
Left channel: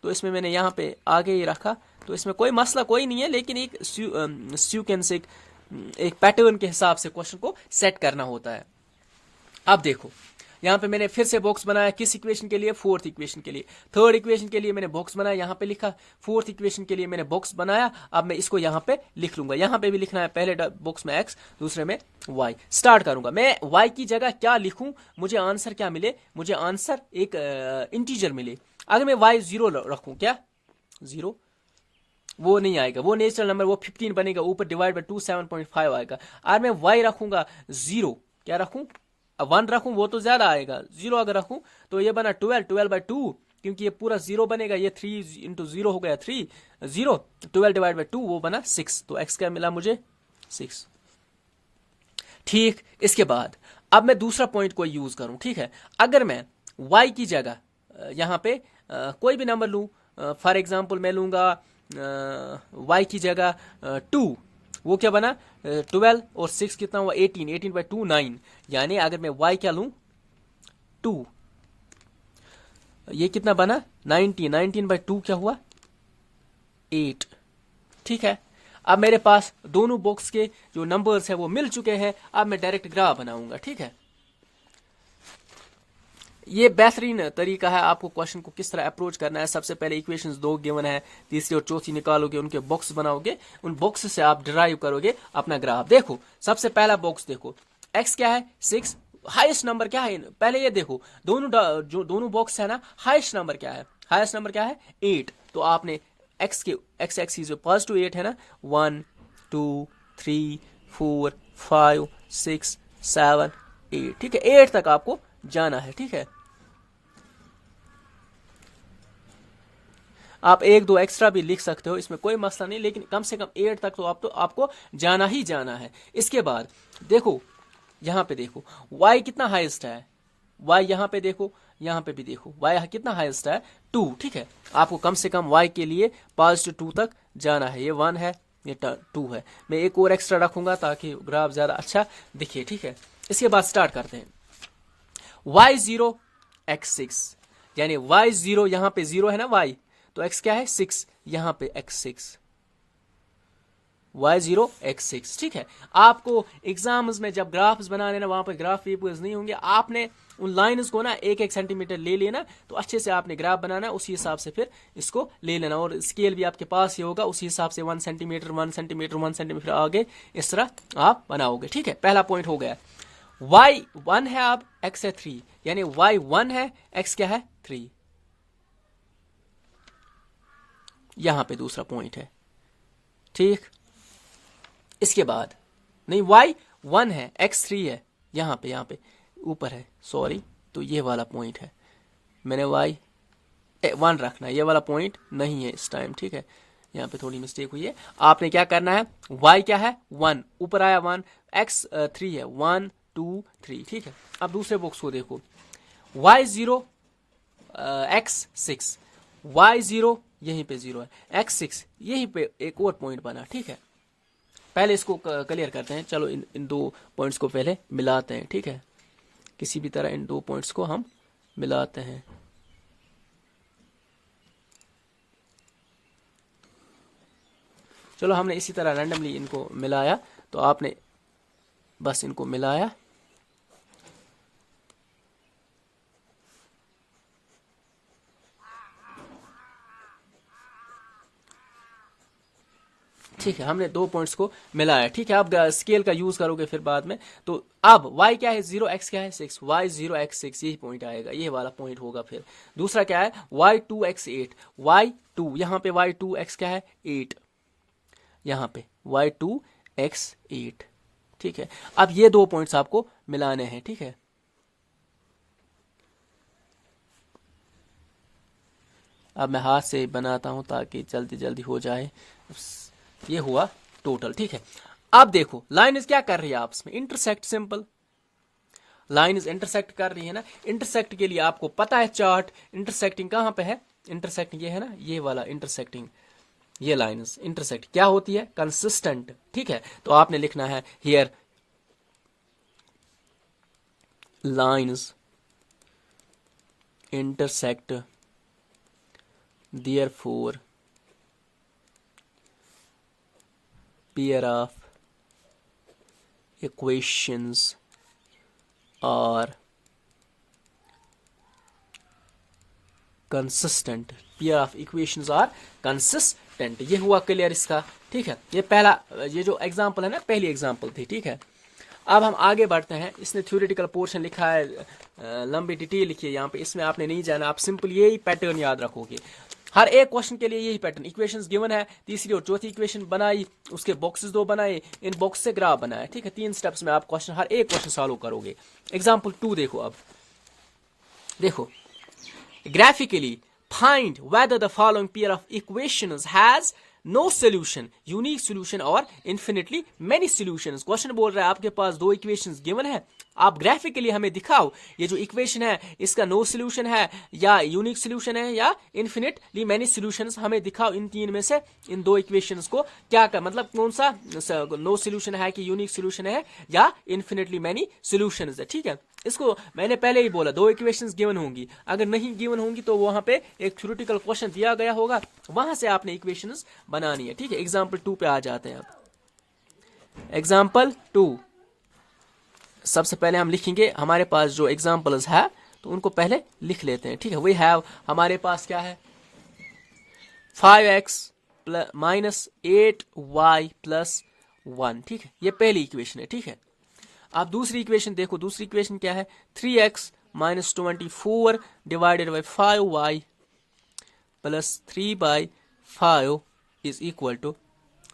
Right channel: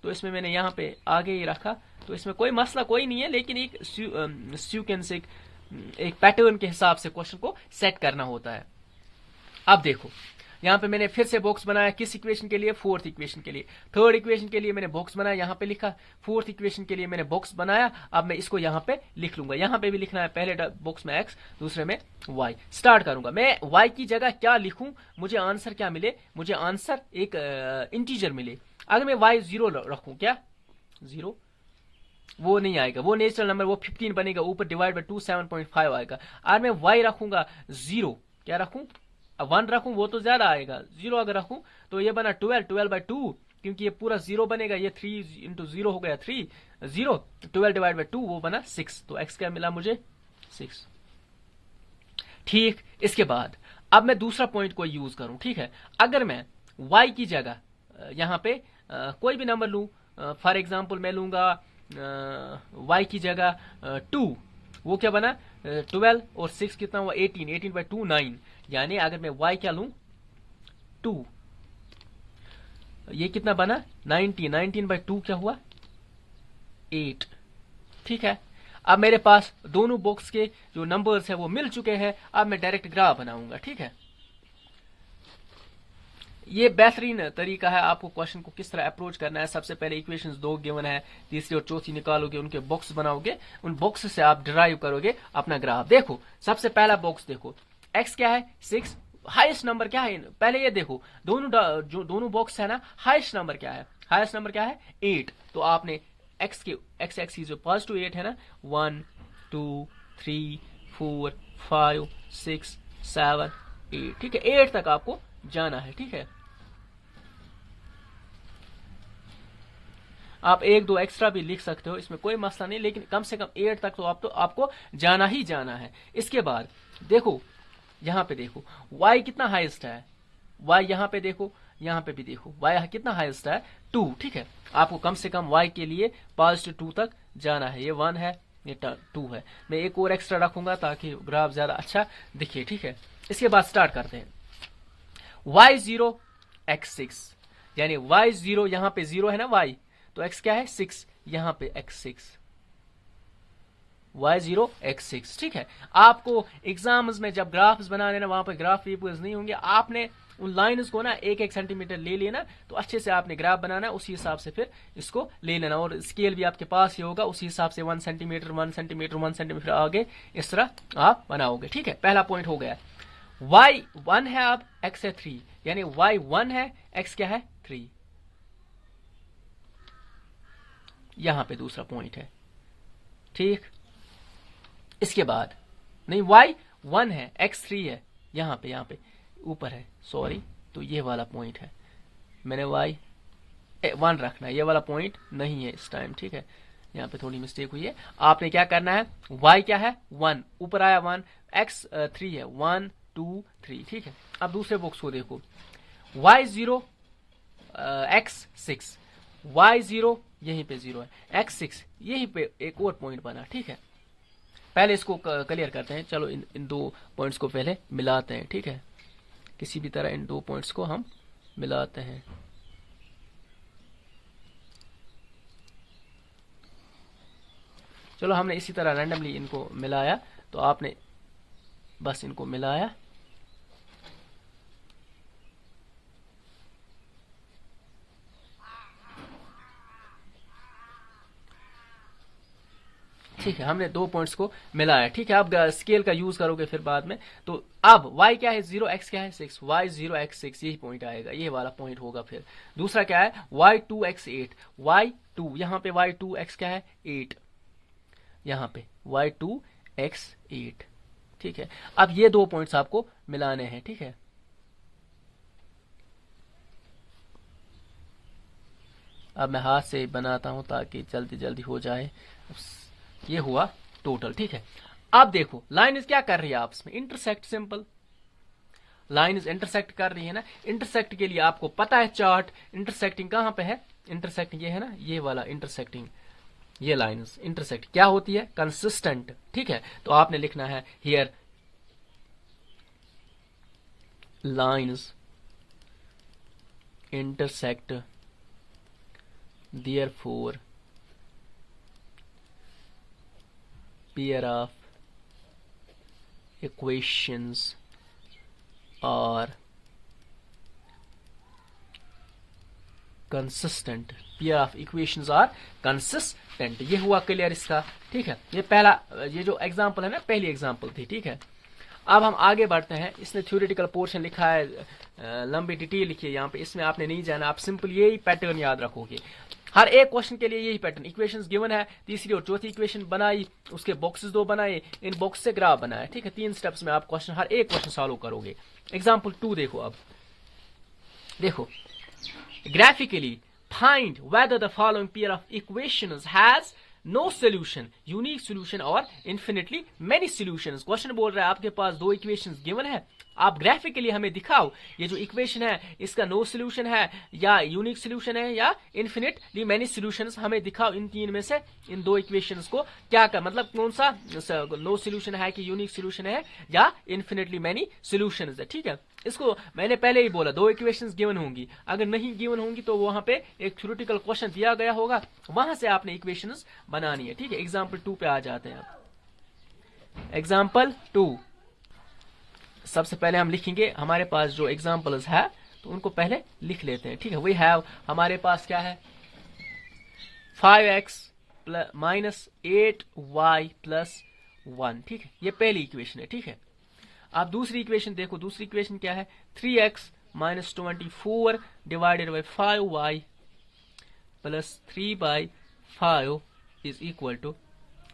तो इसमें मैंने यहाँ पे आगे ही रखा, तो इसमें कोई मसला कोई नहीं है, लेकिन एक सीक्वेंस, एक पैटर्न के हिसाब से क्वेश्चन को सेट करना होता है। अब देखो यहाँ पे मैंने फिर से बॉक्स बनाया, किस इक्वेशन के लिए, 4th इक्वेशन के लिए। 3rd इक्वेशन के लिए मैंने बॉक्स बनाया, यहाँ पे लिखा। 4th इक्वेशन के लिए मैंने बॉक्स बनाया। अब मैं इसको यहाँ पे लिख लूंगा, यहाँ पे भी लिखना है, पहले बॉक्स में x, दूसरे में y। स्टार्ट करूंगा मैं, y की जगह क्या लिखूं, मुझे आंसर क्या मिले, मुझे आंसर एक इंटीजर मिले। अगर मैं y 0 रखूं, क्या 0, वो नहीं आएगा, वो नेचुरल नंबर, वो 15 बनेगा, ऊपर डिवाइड बाय 2 7.5 आएगा। और मैं y रखूंगा 0, क्या रखूं, 1 रखूं वो तो ज्यादा आएगा, 0 अगर रखूं तो ये बना 12/2, क्योंकि ये पूरा 0 बनेगा, ये 3 इंटू 0 हो गया 3, 0, 12 डिवाइड बाई 2 वो बना 6, तो x क्या मिला मुझे 6। ठीक, इसके बाद अब मैं दूसरा पॉइंट को यूज करूं, ठीक है। अगर मैं y की जगह यहां पे कोई भी नंबर लूं, फॉर एग्जाम्पल मैं लूंगा y की जगह 2, वो क्या बना 12 और 6 कितना हुआ 18, 18/2 9, यानी अगर मैं y क्या लूं 2, ये कितना बना 19, 19/2 क्या हुआ 8। ठीक है, अब मेरे पास दोनों बॉक्स के जो नंबर्स है वो मिल चुके हैं। अब मैं डायरेक्ट ग्राफ बनाऊंगा, ठीक है। ये बेहतरीन तरीका है आपको क्वेश्चन को किस तरह अप्रोच करना है। सबसे पहले इक्वेशंस 2 गिवन है, तीसरी और चौथी निकालोगे, उनके बॉक्स बनाओगे, उन बॉक्स से आप डिराइव करोगे अपना ग्राफ। देखो सबसे पहला बॉक्स देखो, x क्या है 6, हाईएस्ट नंबर क्या है, पहले ये देखो जो दोनों बॉक्स है ना, हाईएस्ट नंबर क्या है, हाईएस्ट नंबर क्या है 8, तो आपने x के x एक्सिस जो पॉजिटिव 8 है ना, 1 2 3 4 5 6 7 8, ठीक है, 8 तक आपको जाना है। ठीक है, आप 1-2 एक्स्ट्रा भी लिख सकते हो, इसमें कोई मसला नहीं, लेकिन कम से कम 8 तक तो आपको जाना ही जाना है। इसके बाद देखो यहां पे देखो y कितना हाईएस्ट है, y यहां पे देखो, यहां पे भी देखो y कितना हाईएस्ट है 2। ठीक है, आपको कम से कम y के लिए पॉजिटिव 2 तक जाना है। ये 1 है, ये 2 है, मैं एक और एक्स्ट्रा रखूंगा ताकि ग्राफ ज्यादा अच्छा दिखे। ठीक है, इसके बाद स्टार्ट करते हैं। y0 x6, यानी y0 यहां पे 0 है ना y, तो x क्या है 6, यहां पे x6, y0 x6। ठीक है, आपको एग्जाम्स में जब ग्राफ्स बनाने ना, वहां पर ग्राफ पेपर्स नहीं होंगे, आपने उन लाइन्स को ना 1-1 सेंटीमीटर ले लेना, तो अच्छे से आपने ग्राफ बनाना, उसी हिसाब से फिर इसको ले लेना, और स्केल भी आपके पास ही होगा, उसी हिसाब से 1 सेंटीमीटर 1 सेंटीमीटर 1 सेंटीमीटर आगे इस तरह आप बनाओगे। ठीक है, पहला पॉइंट हो गया। y1 है, अब x है 3, यानी y1 है, x क्या है 3, यहां पे दूसरा पॉइंट है। ठीक, इसके बाद नहीं y1 है, x 3 है, यहां पे ऊपर है, सॉरी, तो ये वाला पॉइंट है, मैंने y1 रखना है, ये वाला पॉइंट नहीं है इस टाइम। ठीक है, यहाँ पे थोड़ी मिस्टेक हुई है, आपने क्या करना है, y क्या है 1, ऊपर आया 1, x 3 है, 1 2 3। ठीक है, अब दूसरे बॉक्स को देखो, y0 x6, y0 यहीं पे 0 है, x6 यहीं पे एक और पॉइंट बना। ठीक है, पहले इसको क्लियर करते हैं, चलो इन दो पॉइंट्स को पहले मिलाते हैं। ठीक है, किसी भी तरह इन दो पॉइंट्स को हम मिलाते हैं। चलो हमने इसी तरह रैंडमली इनको मिलाया, तो आपने बस इनको मिलाया, ठीक है, हमने दो पॉइंट्स को मिलाया। ठीक है, अब स्केल का यूज करोगे फिर बाद में, तो अब y क्या है 0, x क्या है 6, y0 x6 यही पॉइंट आएगा, ये वाला पॉइंट होगा। फिर दूसरा क्या है y2 x8, y2 यहाँ पे y2 x क्या है 8, यहाँ पे y2 x8। ठीक है, अब ये दो पॉइंट्स आपको मिलाने हैं। ठीक है, अब मैं हाथ से बनाता हूं ताकि जल्दी जल्दी हो जाए। ये हुआ टोटल। ठीक है, अब देखो लाइन्स क्या कर रही है आपस में, इंटरसेक्ट, सिंपल, लाइन्स इंटरसेक्ट कर रही है ना। इंटरसेक्ट के लिए आपको पता है चार्ट, इंटरसेक्टिंग कहां पे है, इंटरसेक्टिंग ये है ना, ये वाला इंटरसेक्टिंग, ये लाइन्स इंटरसेक्ट क्या होती है, कंसिस्टेंट। ठीक है, तो आपने लिखना है here lines intersect, therefore pair of equations are consistent, pair of equations are consistent। ये हुआ क्लियर इसका। ठीक है, ये पहला, ये जो एग्जांपल है ना, पहली एग्जांपल थी। ठीक है, अब हम आगे बढ़ते हैं। इसने थ्योरेटिकल पोर्शन लिखा है, लंबी डिटेल लिखी है यहाँ पे, इसमें आपने नहीं जाना, आप सिंपल यही पैटर्न याद रखोगे। हर एक क्वेश्चन के लिए यही पैटर्न, इक्वेशंस गिवन है, तीसरी और चौथी इक्वेशन बनाई, उसके बॉक्सेस 2 बनाए, इन बॉक्स से ग्राफ बनाया, ठीक है। 3 स्टेप्स में आप क्वेश्चन, हर एक क्वेश्चन सॉल्व करोगे। एग्जाम्पल 2 देखो। अब देखो, graphically find whether the following pair of equations has no solution, unique solution or infinitely many solutions। Question बोल रहा है आपके पास 2 इक्वेशंस गिवन है, आप ग्राफिकली हमें दिखाओ ये जो इक्वेशन है इसका नो सोल्यूशन है या यूनिक सोल्यूशन है या इन्फिनिटली मैनी सोल्यूशंस, हमें दिखाओ इन 3 में से इन 2 इक्वेशंस को क्या कर, मतलब कौन सा नो सोल्यूशन है कि यूनिक सोल्यूशन है या इन्फिनिटली मैनी सोल्यूशंस है, ठीक है। इसको मैंने पहले ही बोला 2 इक्वेशंस गिवन होंगी, अगर नहीं गिवन होंगी तो वहां पे एक थ्योरेटिकल क्वेश्चन दिया गया होगा, वहां से आपने इक्वेशंस बनानी है, ठीक है। एग्जाम्पल 2 पे आ जाते हैं। एग्जाम्पल 2, सबसे पहले हम लिखेंगे, हमारे पास जो एग्जाम्पल्स है तो उनको पहले लिख लेते हैं, ठीक है। वी हैव, हमारे पास क्या है, 5x माइनस 8y प्लस 1, ठीक है, ये पहली इक्वेशन है, ठीक है। आप दूसरी इक्वेशन देखो, दूसरी इक्वेशन क्या है, 3x minus 24 divided by 5y plus 3/5 is equal to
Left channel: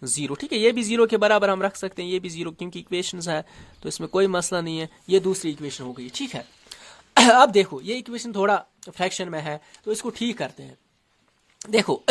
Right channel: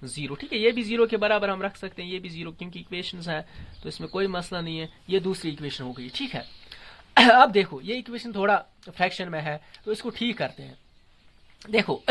0, ठीक है। ये भी 0 के बराबर हम रख सकते हैं, ये भी 0 क्योंकि इक्वेशंस है तो इसमें कोई मसला नहीं है। ये दूसरी इक्वेशन हो गई, ठीक है। अब देखो, ये इक्वेशन थोड़ा फ्रैक्शन में है तो इसको ठीक करते हैं। देखो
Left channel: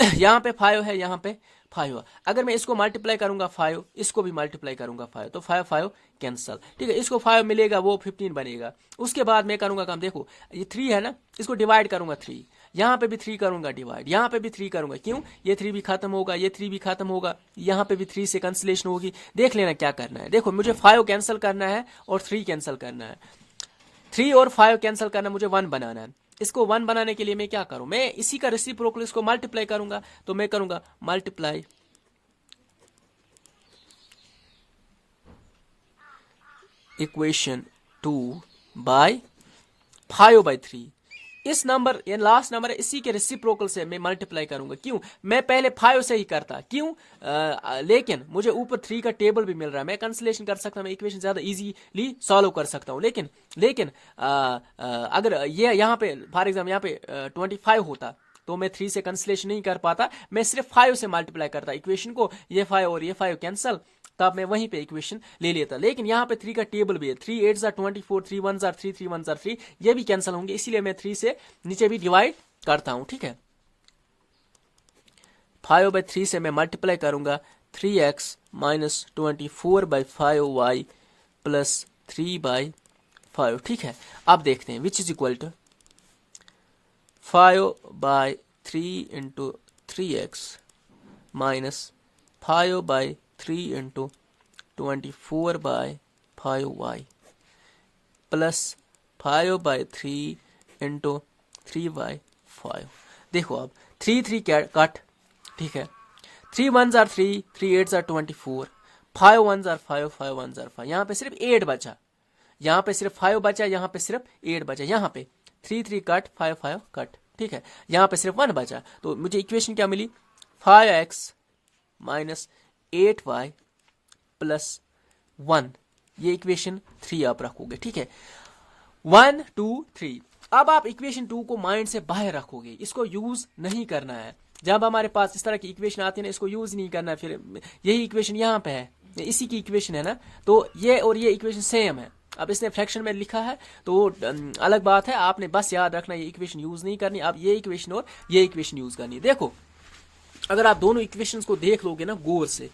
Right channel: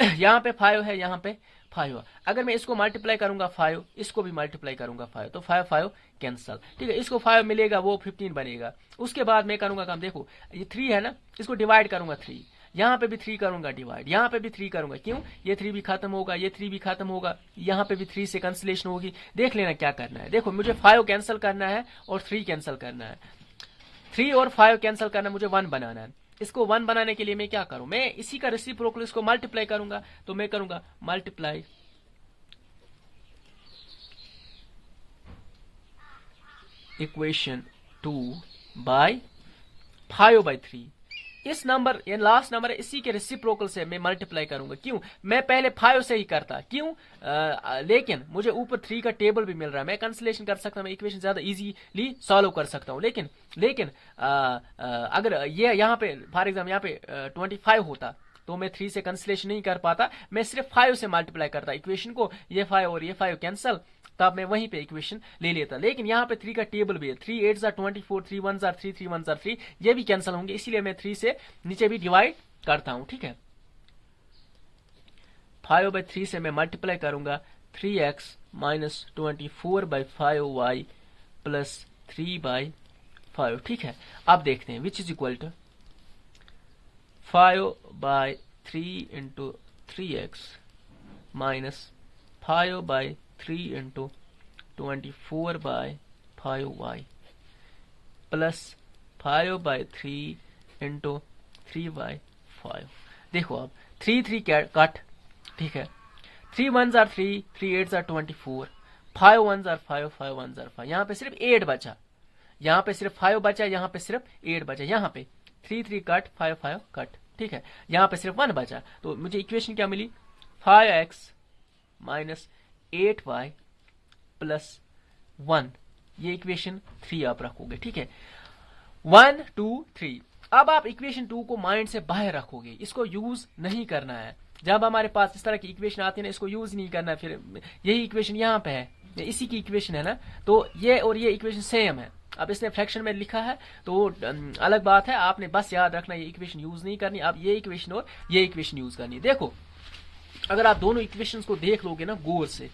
यहाँ पे 5 है, यहाँ पे 5 है, अगर मैं इसको मल्टीप्लाई करूंगा 5, इसको भी मल्टीप्लाई करूंगा 5, तो 5 कैंसल, ठीक है। इसको 5 मिलेगा, वो 15 बनेगा। उसके बाद मैं करूंगा काम, देखो ये 3 है ना, इसको डिवाइड करूंगा 3, यहाँ पे भी 3 करूंगा डिवाइड, यहाँ पे भी 3 करूंगा, क्यों, ये 3 भी खत्म होगा, ये 3 भी खत्म होगा, यहाँ पे भी 3 से कैंसिलेशन होगी। देख लेना क्या करना है, देखो मुझे 5 कैंसिल करना है और 3 कैंसिल करना है, 3 और 5 कैंसिल करना, मुझे 1 बनाना है। इसको 1 बनाने के लिए मैं क्या करूं, मैं इसी का रेसिप्रोकल इसको मल्टीप्लाई करूंगा, तो मैं करूंगा मल्टीप्लाई इक्वेशन 2 बाय 5/3। इस नंबर, ये लास्ट नंबर है, इसी के रेसिप्रोकल से मैं मल्टीप्लाई करूंगा, क्यों, मैं पहले 5 से ही करता, क्यों, लेकिन मुझे ऊपर 3 का टेबल भी मिल रहा है, मैं कैंसिलेशन कर सकता हूं, मैं इक्वेशन ज्यादा इजीली सॉल्व कर सकता हूं। लेकिन अगर ये यहाँ पे फॉर एग्जाम्पल यहाँ पे 25 होता तो मैं 3 से कैंसिलेशन नहीं कर पाता, मैं सिर्फ 5 से मल्टीप्लाई करता इक्वेशन को, ये 5 और ये 5 कैंसिल, तब मैं वहीं पे इक्वेशन ले लेता। लेकिन यहाँ पे 3 का टेबल भी है, 3 8 24, 3 1 3, 3 1 3, ये भी कैंसिल होंगे, इसीलिए मैं 3 से नीचे भी डिवाइड करता हूं, ठीक है। 5/3 से मैं मल्टीप्लाई करूंगा 3x माइनस 24/5y प्लस 3/5, ठीक है। अब देखते हैं which is equal to 5/3 into 3x minus 5/3 into 24/5y plus 5/3 into 3/5। देखो अब 3 कट, ठीक है, 3 1 3, 3 8 24, 5 1 5, 5 1 5, यहाँ पे सिर्फ 8 बचा, यहाँ पे सिर्फ 5 बचा, यहाँ पे सिर्फ 8 बचा, यहाँ पे 3 कट, 5 कट, ठीक है, यहाँ पे सिर्फ 1 बचा, तो मुझे इक्वेशन क्या मिली, 5x माइनस 8y प्लस 1, ये इक्वेशन 3 आप रखोगे, ठीक है। 1 2 3। अब आप इक्वेशन 2 को माइंड से बाहर रखोगे, इसको यूज नहीं करना है। जब हमारे पास इस तरह की इक्वेशन आती है ना, इसको यूज नहीं करना है। फिर यही इक्वेशन यहाँ पे है, इसी की इक्वेशन है ना, तो ये और ये इक्वेशन सेम है। अब इसने फ्रैक्शन में लिखा है तो अलग बात है, आपने बस याद रखना ये इक्वेशन यूज नहीं करनी, आप ये इक्वेशन और ये इक्वेशन यूज करनी। देखो अगर आप दोनों इक्वेशंस को देख लोगे ना गौर से,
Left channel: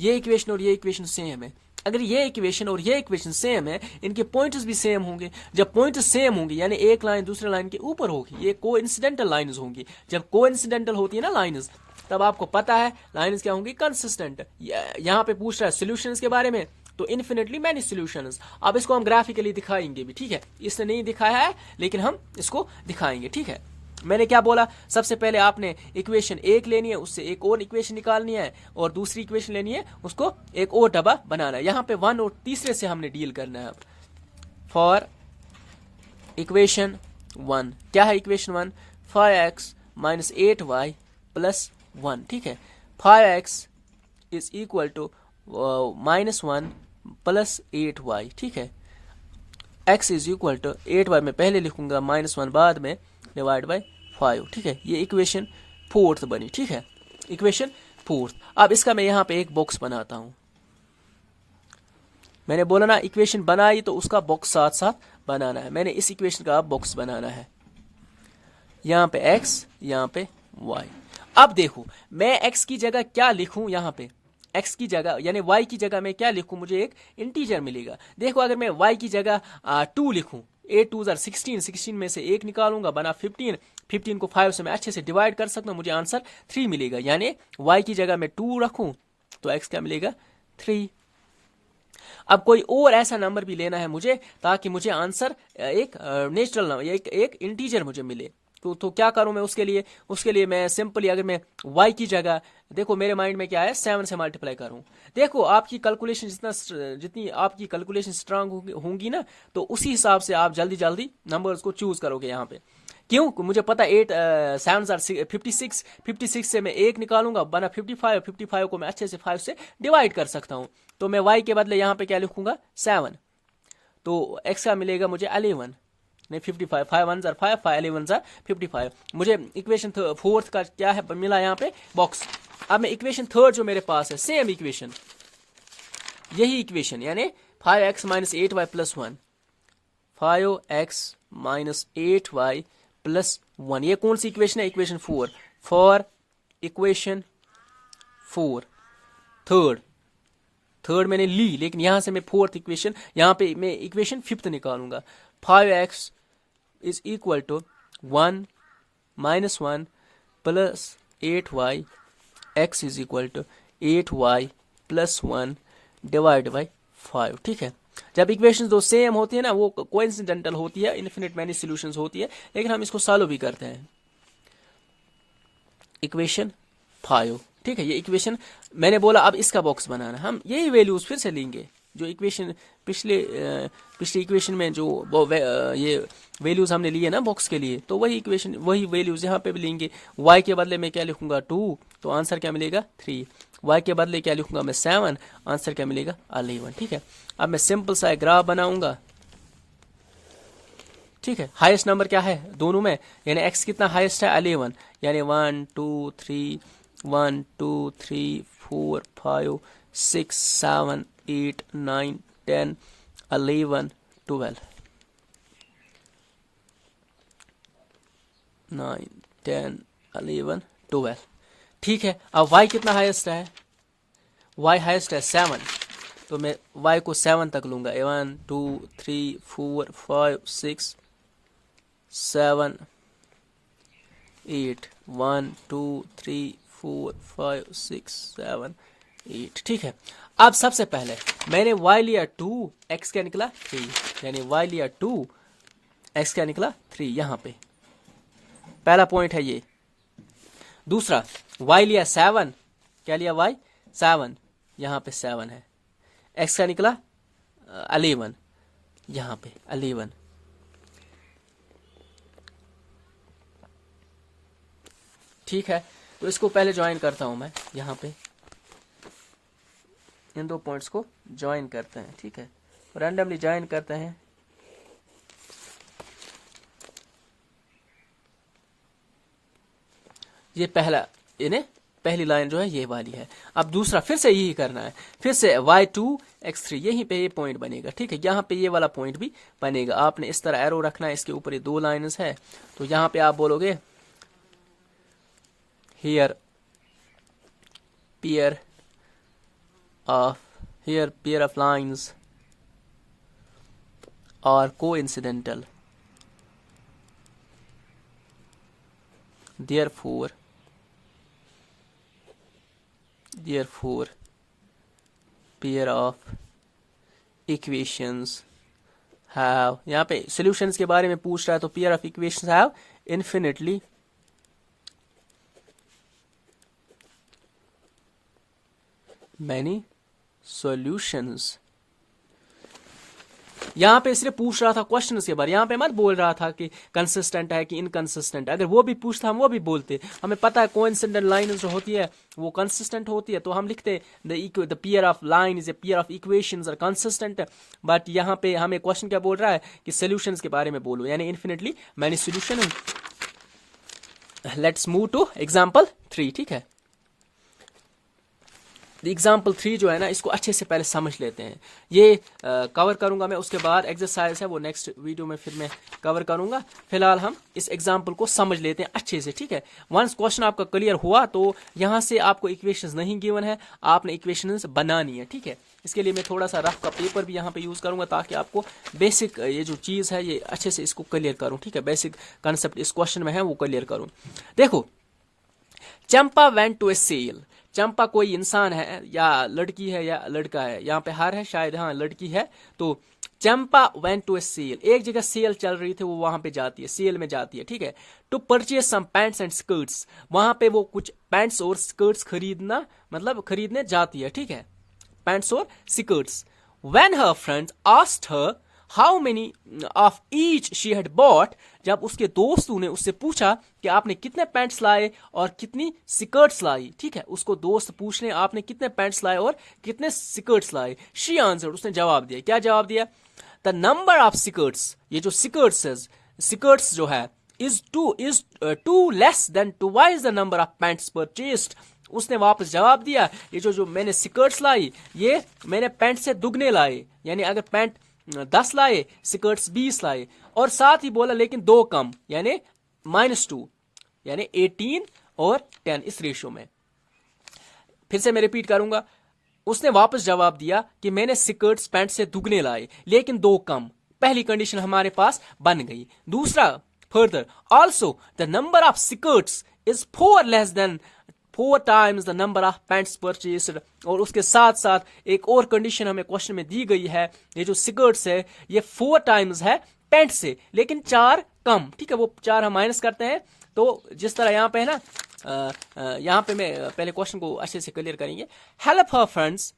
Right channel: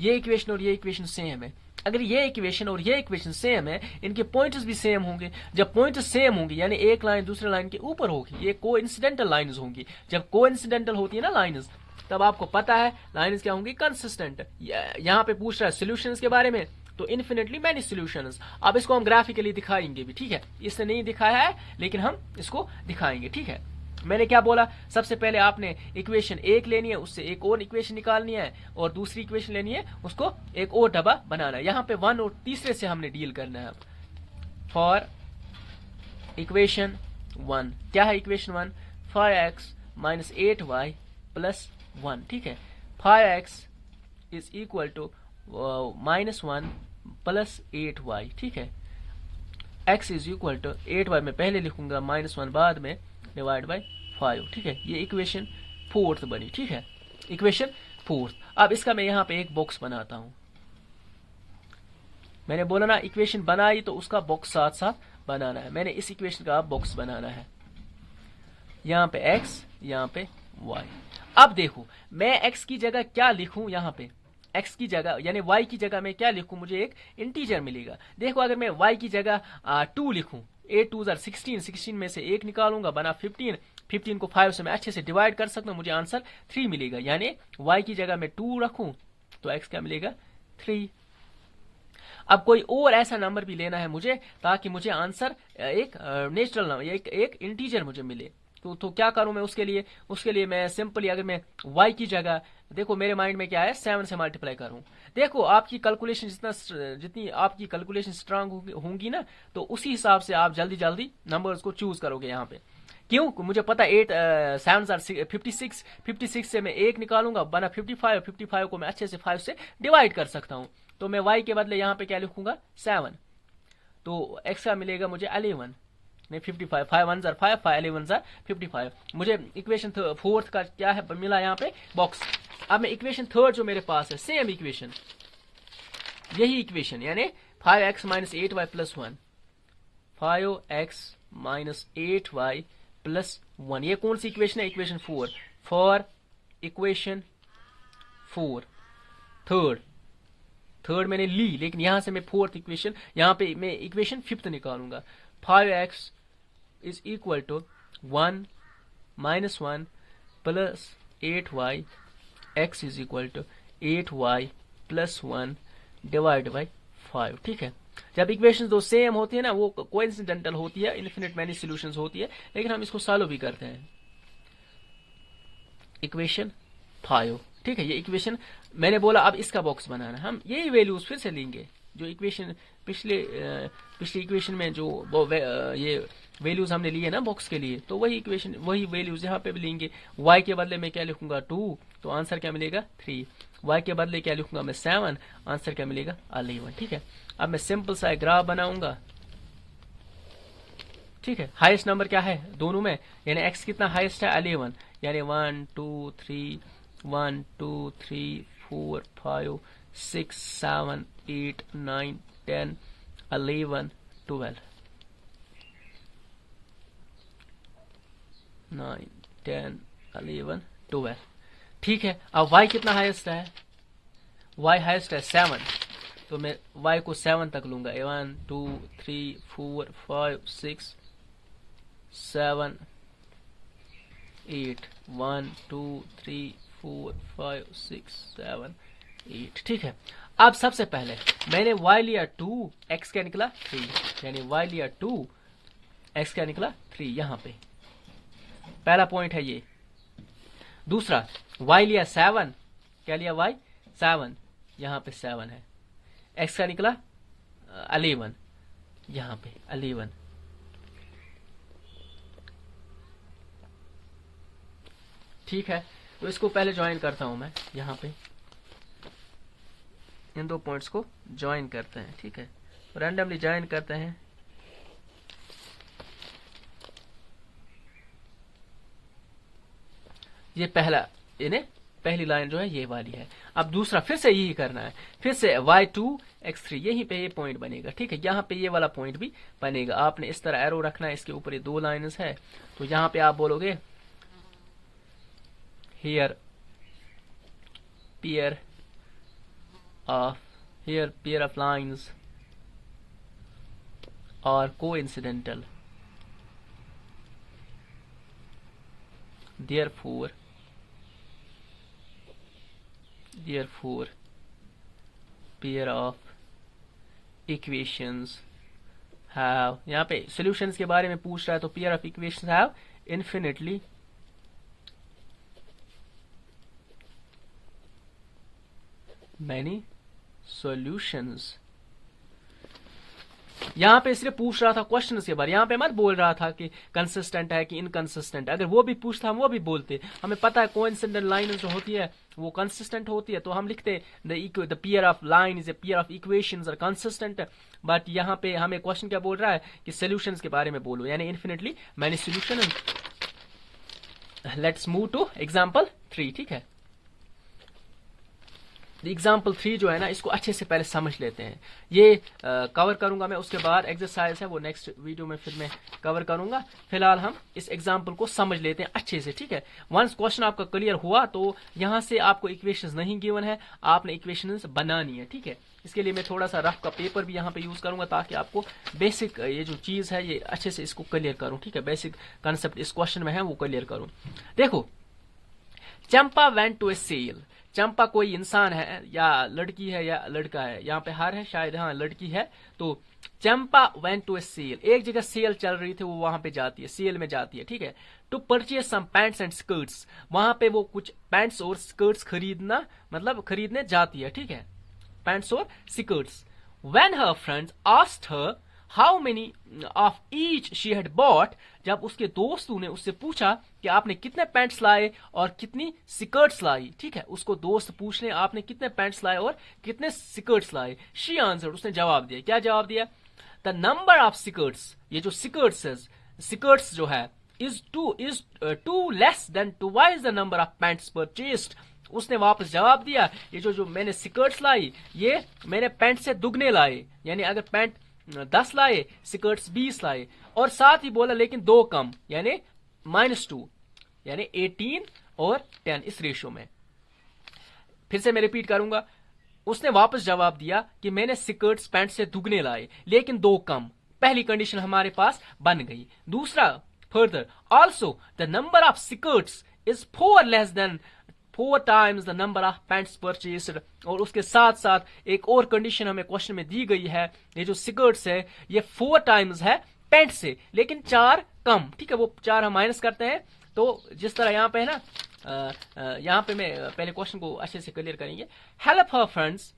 ये इक्वेशन और ये इक्वेशन सेम है। अगर ये इक्वेशन और ये इक्वेशन सेम है, इनके पॉइंट्स भी सेम होंगे। जब पॉइंट्स सेम होंगे यानी एक लाइन दूसरे लाइन के ऊपर होगी, ये कोइंसिडेंटल लाइंस होंगी। जब कोइंसिडेंटल होती है ना लाइंस, तब आपको पता है लाइंस क्या होंगी, कंसिस्टेंट। यहाँ पे पूछ रहा है सॉल्यूशंस के बारे में, तो इन्फिनिटली मैनी सॉल्यूशंस। अब इसको हम ग्राफिकली दिखाएंगे भी, ठीक है, इसने नहीं दिखाया है लेकिन हम इसको दिखाएंगे, ठीक है। मैंने क्या बोला, सबसे पहले आपने इक्वेशन 1 लेनी है, उससे एक और इक्वेशन निकालनी है, और दूसरी इक्वेशन लेनी है, उसको एक और डब्बा बनाना है। यहाँ पे 1 और तीसरे से हमने डील करना है। फॉर इक्वेशन 1 क्या है, equation 1 5x minus 8y plus 1, ठीक है। 5x is equal to -1 plus 8y, ठीक है। x is equal to 8y में पहले लिखूंगा, -1 बाद में, डिवाइड बाय 5। ठीक है, ये इक्वेशन फोर्थ बनी। ठीक है, इक्वेशन फोर्थ। अब इसका मैं यहाँ पे एक बॉक्स बनाता हूं। मैंने बोला ना इक्वेशन बनाई तो उसका बॉक्स साथ साथ बनाना है। मैंने इस इक्वेशन का बॉक्स बनाना है, यहाँ पे x, यहाँ पे y। अब देखो मैं x की जगह क्या लिखूं, यहाँ पे x की जगह यानी y की जगह मैं क्या लिखूं, मुझे एक इंटीजर मिलेगा। देखो अगर मैं y की जगह 2 लिखूं, 8 2 16, 16 में से 1 निकालूंगा बना 15, 15 को 5 से मैं अच्छे से डिवाइड कर सकता हूं, मुझे आंसर 3 मिलेगा। यानी y की जगह मैं 2 रखूं तो x क्या मिलेगा, 3। अब कोई और ऐसा नंबर भी लेना है मुझे ताकि मुझे आंसर एक नेचुरल नंबर, एक इंटीजर मुझे मिले। तो क्या करूं मैं उसके लिए मैं सिंपली अगर मैं y की जगह, देखो मेरे माइंड में क्या है, 7 से मल्टीप्लाई करूं। देखो आपकी कैलकुलेशन जितनी आपकी कैलकुलेशन स्ट्रांग होंगी ना, तो उसी हिसाब से आप जल्दी जल्दी नंबर्स को चूज करोगे। यहाँ पे क्यों, मुझे पता 8 7 56, 56 से मैं 1 निकालूंगा बना 55, 55 को मैं अच्छे से 5 से डिवाइड कर सकता हूं। तो मैं y के बदले यहाँ पे क्या लिखूंगा, 7। तो x का मिलेगा मुझे 11, नहीं 55, 5 1 5, 5 11 55। मुझे इक्वेशन फोर्थ का क्या है मिला यहाँ पे, बॉक्स। अब मैं इक्वेशन थर्ड जो मेरे पास है, सेम इक्वेशन, यही इक्वेशन यानी 5x - 8y + 1, 5x - 8y + 1। ये कौन सी इक्वेशन है, इक्वेशन 4। फॉर इक्वेशन 4 थर्ड मैंने ली, लेकिन यहां से मैं फोर्थ इक्वेशन, यहां पे मैं इक्वेशन फिफ्थ निकालूंगा। 5x is equal to 1 - 1 + 8y, x is equal to 8y + 1 divide by 5। ठीक है, जब इक्वेशन दो सेम होती है ना, वो कोइंसिडेंटल होती है, इन्फिनिट मैनी सॉल्यूशंस होती है, लेकिन हम इसको सॉल्व भी करते हैं। इक्वेशन 5। ठीक है, ये इक्वेशन मैंने बोला। अब इसका बॉक्स बनाना, हम यही वैल्यूज फिर से लेंगे जो इक्वेशन पिछले इक्वेशन में जो ये वैल्यूज हमने लिए ना बॉक्स के लिए, तो वही इक्वेशन वही वैल्यूज यहाँ पे भी लेंगे। y के बदले में क्या लिखूंगा, 2, तो आंसर क्या मिलेगा, 3। y के बदले क्या लिखूंगा मैं, 7, आंसर क्या मिलेगा, 11। ठीक है, अब मैं सिंपल सा ग्राफ बनाऊंगा। ठीक है, हाईएस्ट नंबर क्या है दोनों में, यानी x कितना हाईएस्ट है, 11, यानी 1 2 3 1 2 3 4 5 6 7 8 9 10 11 12 9 10 11 12। ठीक है, अब y कितना हाईएस्ट है, y हाईएस्ट है 7, तो मैं y को 7 तक लूंगा। 1 2 3 4 5 6 7 8 1 2 3 4 5 6 7 8। ठीक है, अब सबसे पहले मैंने y लिया 2, x क्या निकला 3, यानी y लिया 2, x क्या निकला 3। यहां पे पहला पॉइंट है ये। दूसरा y लिया 7, क्या लिया y 7, यहां पे 7 है। x का निकला 11, यहां पे 11। ठीक है, तो इसको पहले ज्वाइन करता हूं मैं, यहां पे इन दो पॉइंट्स को ज्वाइन करते हैं। ठीक है, रैंडमली ज्वाइन करते हैं। ये पहला, यानी पहली लाइन जो है ये वाली है। अब दूसरा फिर से यही करना है, फिर से y2 x3, यहीं पे ये पॉइंट बनेगा। ठीक है, यहाँ पे ये वाला पॉइंट भी बनेगा। आपने इस तरह एरो रखना है, इसके ऊपर ये 2 लाइन्स है, तो यहाँ पे आप बोलोगे here pair of lines are coincidental, therefore pair of equations have, यहाँ पे solutions के बारे में पूछ रहा है, तो pair of equations have infinitely many solutions। यहाँ पे इसलिए पूछ रहा था क्वेश्चन के बारे, यहाँ पे मत बोल रहा था कि कंसिस्टेंट है कि इनकंसिस्टेंट। अगर वो भी पूछता हम वो भी बोलते। हमें पता है कोइंसिडेंट लाइन जो होती है वो कंसिस्टेंट होती है, तो हम लिखते the pair of line is a pair of equations are consistent. But यहाँ पे हमें क्वेश्चन क्या बोल रहा है कि सोल्यूशंस के बारे में बोलो, यानी infinitely many solution let's move to example 3, ठीक है। एग्जाम्पल 3 जो है ना, इसको अच्छे से पहले समझ लेते हैं। ये कवर करूंगा मैं, उसके बाद एक्सरसाइज है वो नेक्स्ट वीडियो में फिर मैं कवर करूंगा। फिलहाल हम इस एग्जाम्पल को समझ लेते हैं अच्छे से, ठीक है। वंस क्वेश्चन आपका क्लियर हुआ तो यहाँ से आपको इक्वेशंस नहीं गिवन है, आपने इक्वेशंस बनानी है, ठीक है। इसके लिए मैं थोड़ा सा रफ का पेपर भी यहाँ पे यूज करूंगा ताकि आपको बेसिक ये जो चीज है ये अच्छे से इसको क्लियर करूं, ठीक है। बेसिक कंसेप्ट इस क्वेश्चन में है वो क्लियर करूं। देखो, चंपा वेंट टू ए सेल। चंपा कोई इंसान है या लड़की है या लड़का है, यहाँ पे हर है शायद, हाँ लड़की है। तो चंपा वेंट टू ए सेल, एक जगह सेल चल रही थी, वो वहां पे जाती है, सेल में जाती है, ठीक है। To purchase some pants and skirts, वहां पे वो कुछ पैंट्स और स्कर्ट्स खरीदना मतलब खरीदने जाती है, ठीक है, पैंट्स और skirts. When her friends asked her how many of each she had bought, जब उसके दोस्तों ने उससे पूछा कि आपने कितने पैंट्स लाए और कितनी स्कर्ट्स लाई, ठीक है। उसको दोस्त पूछ रहे आपने कितने पैंट्स लाए और कितने स्कर्ट्स लाए। शी आंसर्ड, उसने जवाब दिया, क्या जवाब दिया? द नंबर ऑफ स्कर्ट्स, ये जो स्कर्ट्स जो है is two less than twice the number of pants purchased. उसने वापस जवाब दिया, ये जो मैंने स्कर्ट्स लाई ये मैंने पैंट से दुगने लाए, यानी अगर पैंट 10 लाए, स्कर्ट्स 20 लाए। और साथ ही बोला लेकिन 2 कम, यानी -2, यानी 18 और 10 इस रेशियो में। फिर से मैं रिपीट करूंगा, उसने वापस जवाब दिया कि मैंने स्कर्ट्स पैंट से दुगने लाए लेकिन 2 कम। पहली कंडीशन हमारे पास बन गई। दूसरा, further also the number of skirts is 4 less than 4 times the number of pants purchased. और उसके साथ साथ एक और कंडीशन हमें क्वेश्चन में दी गई है, ये जो स्कर्ट्स है ये 4 टाइम्स है पैंट से, लेकिन 4 कम, ठीक है। वो 4 हम माइनस करते हैं, तो जिस तरह यहाँ पे है ना, यहाँ पे मैं पहले क्वेश्चन को अच्छे से क्लियर करेंगे। Help her friends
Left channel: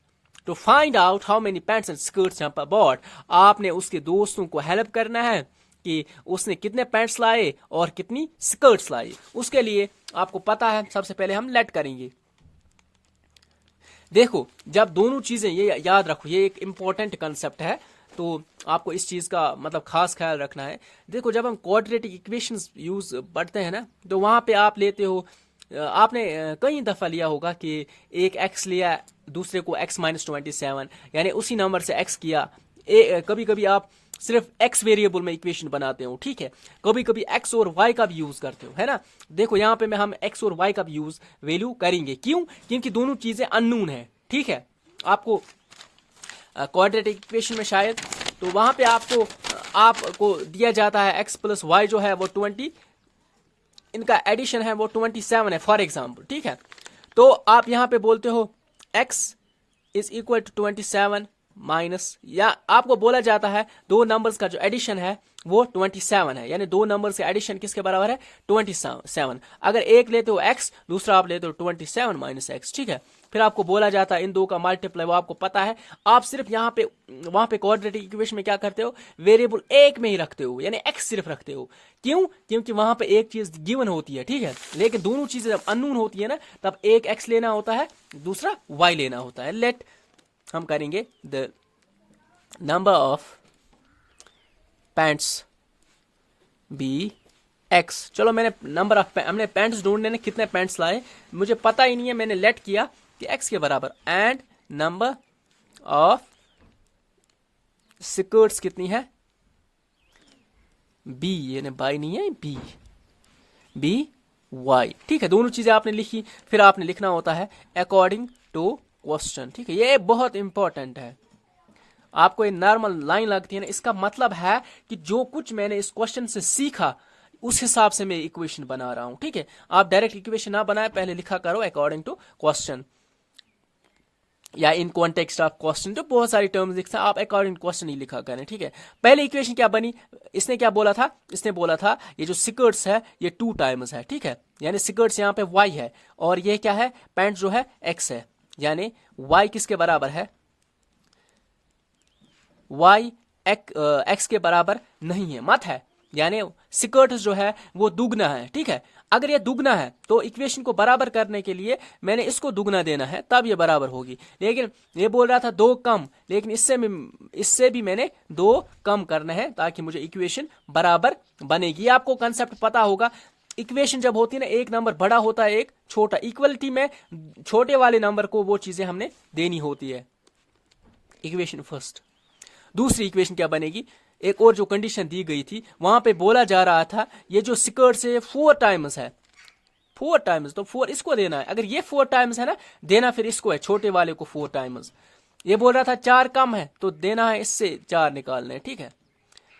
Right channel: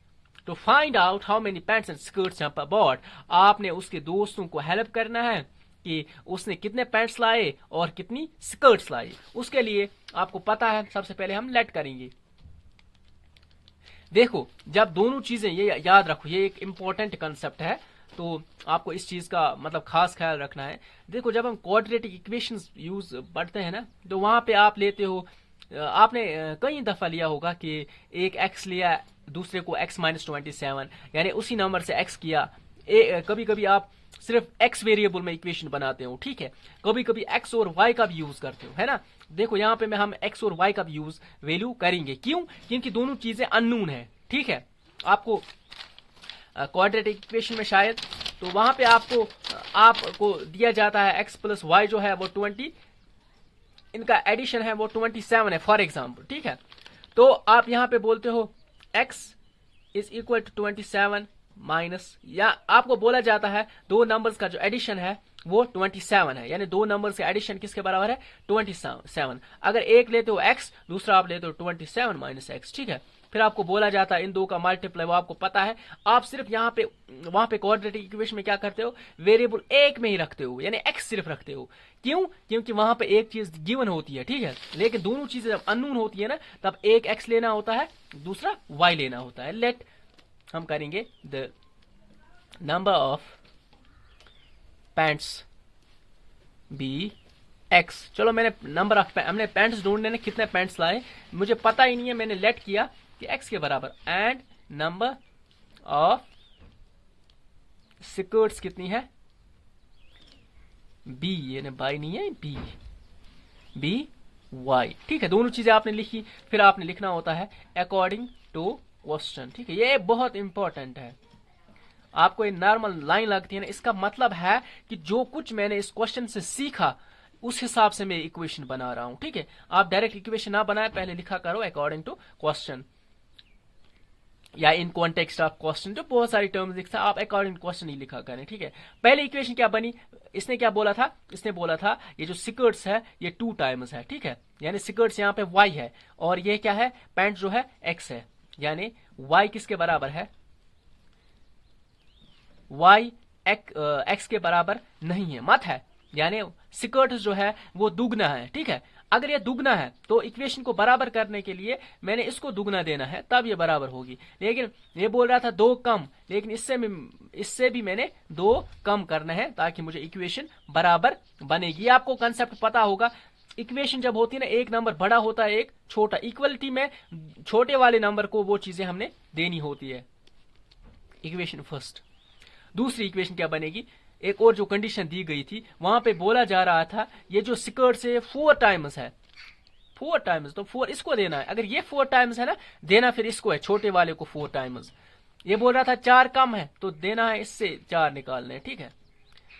to find out how many pants and skirts Champa bought. आपने उसके दोस्तों को हेल्प करना है कि उसने कितने पैंट्स लाए और कितनी स्कर्ट्स लाई। उसके लिए आपको पता है, सबसे पहले हम लेट करेंगे। देखो, जब दोनों चीजें, ये याद रखो, ये एक इंपॉर्टेंट कंसेप्ट है, तो आपको इस चीज का मतलब खास ख्याल रखना है। देखो, जब हम क्वाड्रेटिक इक्वेशंस यूज पढ़ते हैं ना, तो वहां पे आप लेते हो, आपने कई दफा लिया होगा कि एक x लिया, दूसरे को x -27, यानी उसी नंबर से x किया। कभी कभी आप सिर्फ x वेरिएबल में इक्वेशन बनाते हो, ठीक है। कभी कभी x और y का भी यूज करते हो, है ना। देखो यहाँ पे हम x और y का भी यूज वैल्यू करेंगे, क्यों? क्योंकि दोनों चीजें अननोन है, ठीक है। आपको क्वाड्रेटिक इक्वेशन में शायद, तो वहां पे आपको दिया जाता है x + y जो है वो 20, इनका एडिशन है वो 27 है फॉर एग्जाम्पल, ठीक है। तो आप यहाँ पे बोलते हो x = 27 माइनस, या आपको बोला जाता है दो नंबर्स का जो एडिशन है वो 27 है, यानी दो नंबर से एडिशन किसके बराबर है? 27। अगर एक लेते हो x, दूसरा आप लेते हो 27 - x, ठीक है। फिर आपको बोला जाता है इन दो का मल्टीप्लाई, वो आपको पता है। आप सिर्फ यहाँ पे वहां पे क्वाड्रेटिक इक्वेशन में क्या करते हो? वेरिएबल एक में ही रखते हो, यानी x सिर्फ रखते हो। क्यों? क्योंकि वहां पे एक चीज गिवन होती है, ठीक है। लेकिन दोनों चीजें जब अननोन होती है ना, तब एक x लेना होता है, दूसरा y लेना होता है। लेट हम करेंगे the number of pants be x। चलो, मैंने नंबर ऑफ हमने पैंट्स ढूंढने ने कितने पैंट्स लाए मुझे पता ही नहीं है, मैंने लेट किया कि x के बराबर, एंड नंबर ऑफ स्कर्ट्स कितनी है? b, यानी बाई नहीं है, b y, ठीक है। दोनों चीजें आपने लिखी, फिर आपने लिखना होता है अकॉर्डिंग टू क्वेश्चन, ठीक है। ये बहुत इंपॉर्टेंट है। आपको ये नॉर्मल लाइन लगती है ना, इसका मतलब है कि जो कुछ मैंने इस क्वेश्चन से सीखा उस हिसाब से मैं इक्वेशन बना रहा हूं, ठीक है। आप डायरेक्ट इक्वेशन ना बनाए, पहले लिखा करो अकॉर्डिंग टू क्वेश्चन या इन कॉन्टेक्स्ट ऑफ क्वेश्चन। जो बहुत सारी टर्म्स लिखता है, आप अकॉर्डिंग टू क्वेश्चन ही लिखा करें, ठीक है। पहले इक्वेशन क्या बनी? इसने क्या बोला था? इसने बोला था ये जो स्कर्ट्स है ये 2 टाइम्स है, ठीक है। यानी स्कर्ट्स यहाँ पे y है और ये क्या है? पैंट जो है x है, यानी y किसके बराबर है? y x के बराबर नहीं है, मत है, यानी स्कर्ट जो है वो दुगना है, ठीक है। अगर ये दुगना है तो इक्वेशन को बराबर करने के लिए मैंने इसको दुगना देना है, तब ये बराबर होगी। लेकिन ये बोल रहा था 2 कम, लेकिन इससे भी मैंने 2 कम करना है ताकि मुझे इक्वेशन बराबर बनेगी। आपको कंसेप्ट पता होगा। इक्वेशन जब होती है ना, एक नंबर बड़ा होता है एक छोटा, इक्वलिटी में छोटे वाले नंबर को वो चीजें हमने देनी होती है। Equation first. दूसरी इक्वेशन क्या बनेगी, एक और जो कंडीशन दी गई थी वहां पे बोला जा रहा था ये जो स्क्वायर से 4 टाइम्स है, 4 टाइम्स, तो 4 इसको देना है। अगर ये 4 टाइम्स है ना देना, फिर इसको है छोटे वाले को 4 टाइम्स। ये बोल रहा था 4 कम है तो देना है इससे 4 निकालना है, ठीक है।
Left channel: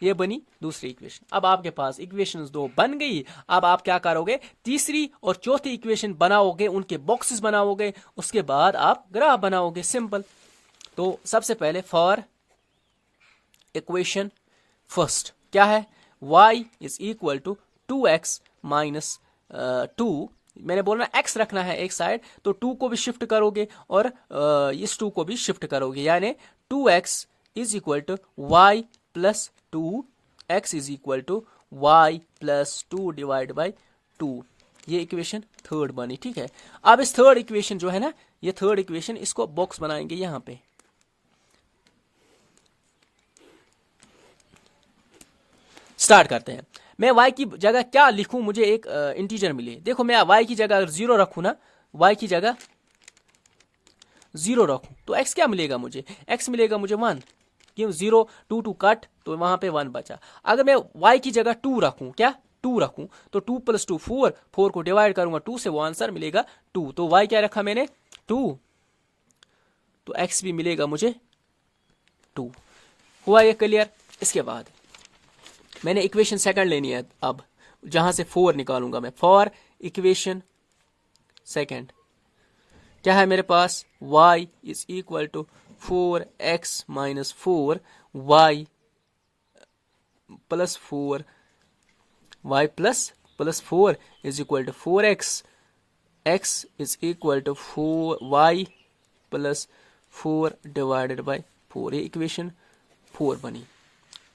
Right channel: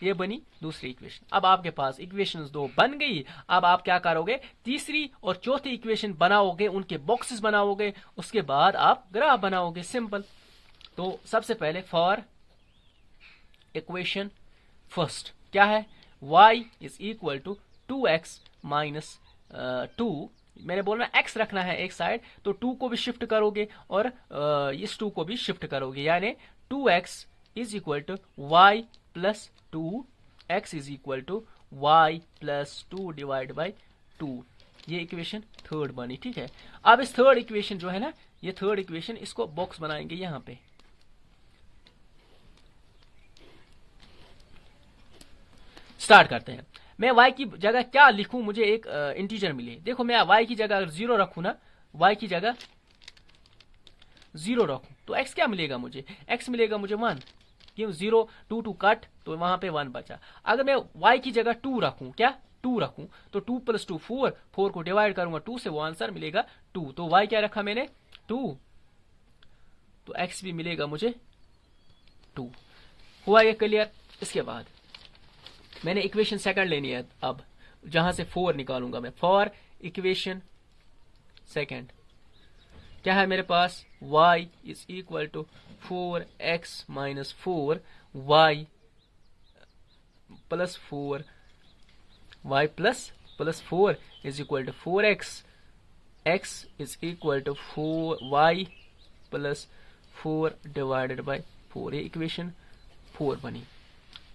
ये बनी दूसरी इक्वेशन। अब आपके पास इक्वेशन 2 बन गई। अब आप क्या करोगे, तीसरी और चौथी इक्वेशन बनाओगे, उनके बॉक्सेस बनाओगे, उसके बाद आप ग्राफ बनाओगे, सिंपल। तो सबसे पहले फॉर इक्वेशन फर्स्ट क्या है, y is equal to 2x minus 2। मैंने बोला x रखना है एक साइड, तो 2 को भी शिफ्ट करोगे और इस 2 को भी शिफ्ट करोगे, यानी 2x is equal to y plus 2, x is equal to y plus 2 divide by 2। ये इक्वेशन थर्ड बनी, ठीक है। अब इस थर्ड इक्वेशन जो है ना, ये थर्ड इक्वेशन, इसको बॉक्स बनाएंगे यहां पे। स्टार्ट करते हैं। मैं y की जगह क्या लिखूं, मुझे एक इंटीजर मिले। देखो मैं y की जगह अगर 0 रखूं ना, y की जगह 0 रखूं तो x क्या मिलेगा मुझे, x मिलेगा मुझे 1, क्यों 0 2 2 कट तो वहां पे 1 बचा। अगर मैं y की जगह 2 रखूं, क्या 2 रखूं, तो 2 प्लस 2 4, 4 को डिवाइड करूंगा 2 से, वो आंसर मिलेगा 2। तो y क्या रखा मैंने 2, तो x भी मिलेगा मुझे 2। हुआ ये क्लियर। इसके बाद मैंने इक्वेशन सेकंड लेनी है, अब जहां से 4 निकालूंगा मैं। फॉर इक्वेशन सेकंड क्या है मेरे पास, y is equal to 4x minus 4, y plus 4, y plus 4 is equal to 4x, x is equal to 4y plus 4 divided by 4। ये इक्वेशन 4 बनी,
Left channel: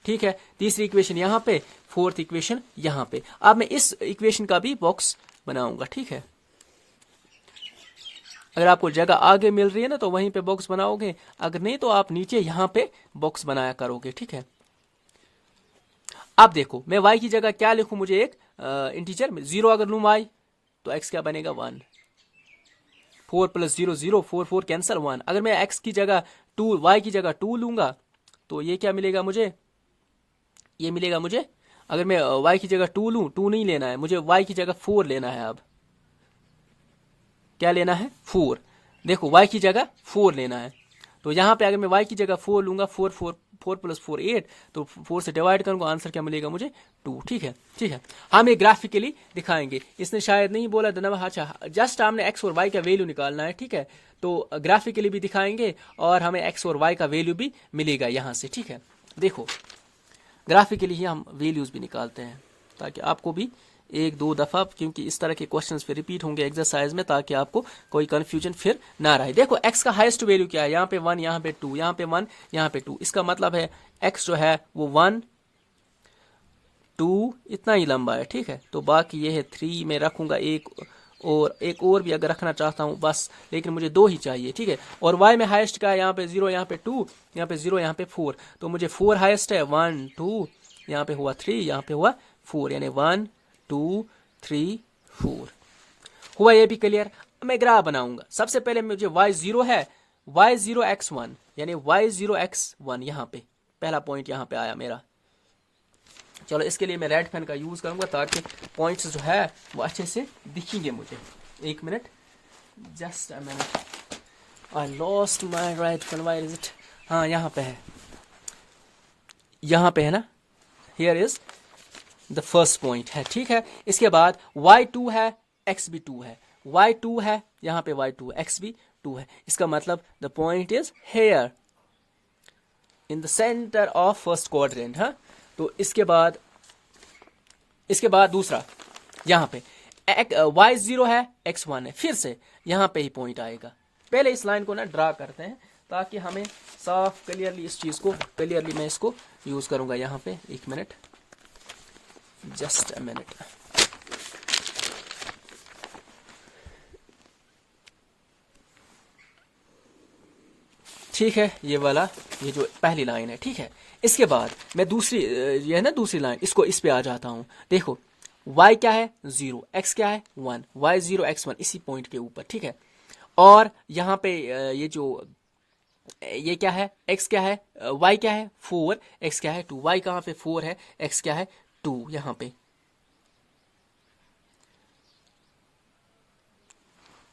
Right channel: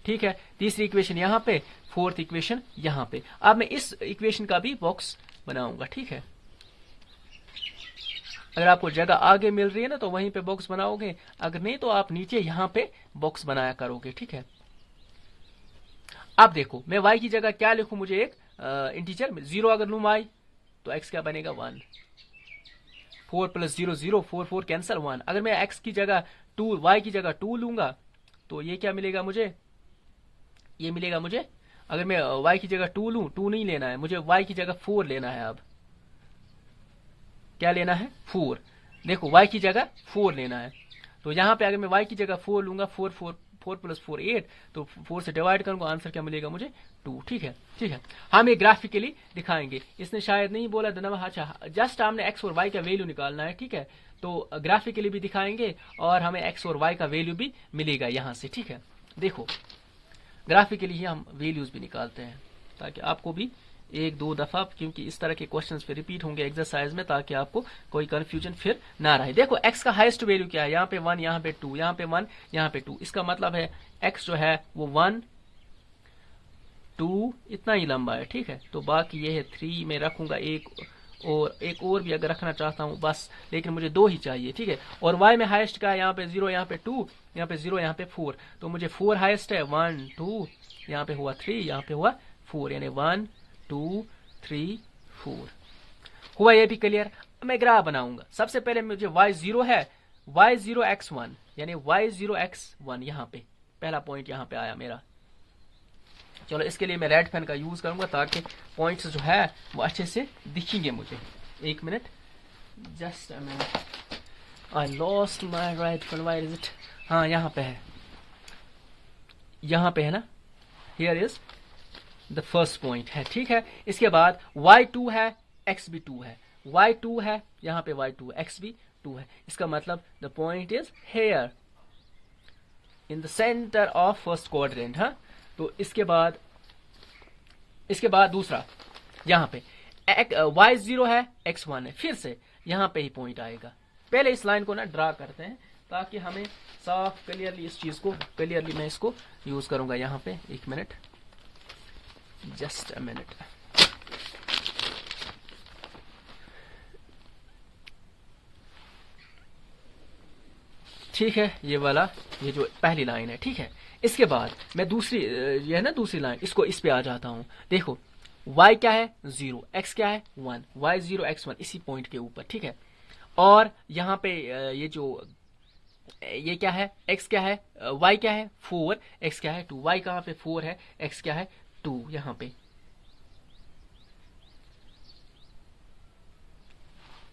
ठीक है। तीसरी इक्वेशन यहां पे, फोर्थ इक्वेशन यहां पे। अब मैं इस इक्वेशन का भी बॉक्स बनाऊंगा, ठीक है। अगर आपको जगह आगे मिल रही है ना तो वहीं पे बॉक्स बनाओगे, अगर नहीं तो आप नीचे यहां पे बॉक्स बनाया करोगे, ठीक है। अब देखो मैं y की जगह क्या लिखूं, मुझे एक इंटीजर 0 अगर लूं y तो x क्या बनेगा 1, 4 प्लस 0 0, 4 4 कैंसिल 1। अगर मैं x की जगह 2, y की जगह 2 लूंगा तो ये क्या मिलेगा मुझे, ये मिलेगा मुझे, अगर मैं y की जगह 2 लूं, 2 नहीं लेना है मुझे, y की जगह 4 लेना है। अब क्या लेना है 4, देखो y की जगह 4 लेना है, तो यहां पे अगर मैं y की जगह 4 लूंगा, 4 प्लस 4 8, तो 4 से डिवाइड करूंगा, आंसर क्या मिलेगा मुझे 2, ठीक है, ठीक है। हम ये ग्राफिकली दिखाएंगे, इसने शायद नहीं बोला धन्यवाद, अच्छा जस्ट हमने x और y का वैल्यू निकालना है, ठीक है। तो ग्राफिकली भी दिखाएंगे और हमें x और y का वैल्यू भी मिलेगा यहां से, ठीक है। देखो ग्राफिकली ही हम वैल्यूज भी निकालते हैं ताकि आपको भी एक दो दफा, क्योंकि इस तरह के क्वेश्चंस फिर रिपीट होंगे एक्सरसाइज में, ताकि आपको कोई कंफ्यूजन फिर ना रहे। देखो x का हाईएस्ट वैल्यू क्या है, यहाँ पे 1, यहाँ पे 2, यहाँ पे 1, यहाँ पे 2। इसका मतलब है x जो है वो 1 2 इतना ही लंबा है, ठीक है। तो बाकी ये है 3 में रखूंगा, एक और भी अगर रखना चाहता हूँ बस, लेकिन मुझे 2 ही चाहिए, ठीक है। और y में हाईएस्ट का है, यहाँ पे 0, यहाँ पे 2, यहाँ पे 0, यहाँ पे 4, तो मुझे 4 हाईएस्ट है, 1 2, यहाँ पे हुआ 3, यहाँ पे हुआ 4, यानी 1 2 3 4। हुआ ये भी क्लियर। मैं ग्राफ बनाऊंगा। सबसे पहले मुझे y0 है, y0 x1, यानी y0 x1, यहाँ पे पहला पॉइंट यहाँ पे आया मेरा। चलो इसके लिए मैं रेड पेन का यूज करूंगा ताकि पॉइंट्स जो है वो अच्छे से दिखेंगे मुझे। एक minute, just a minute, I lost my right pen, where is it, हाँ यहाँ पे है, यहाँ पे है ना, here is the first point है, ठीक है। इसके बाद y2 है, x भी 2 है, y2 है, यहाँ पे y2 है, x भी 2 है। इसका मतलब the point is here in the centre of first quadrant, हाँ। तो इसके बाद दूसरा यहाँ पे y0 है, x1 है, फिर से यहाँ पे ही पॉइंट आएगा। पहले इस लाइन को ना ड्रा करते हैं ताकि हमें साफ क्लियरली इस चीज को क्लियरली मैं इसको यूज करूंगा यहाँ पे। एक मिनट, जस्ट अ मिनट, ठीक है। ये वाला, ये जो पहली लाइन है, ठीक है। इसके बाद मैं दूसरी, ये है ना दूसरी लाइन, इसको इस पे आ जाता हूं। देखो y क्या है 0, x क्या है 1, y 0 x 1 इसी पॉइंट के ऊपर, ठीक है। और यहाँ पे ये जो ये क्या है, x क्या है, y क्या है 4, x क्या है 2, y कहाँ पे 4 है, x क्या है 2, यहाँ पे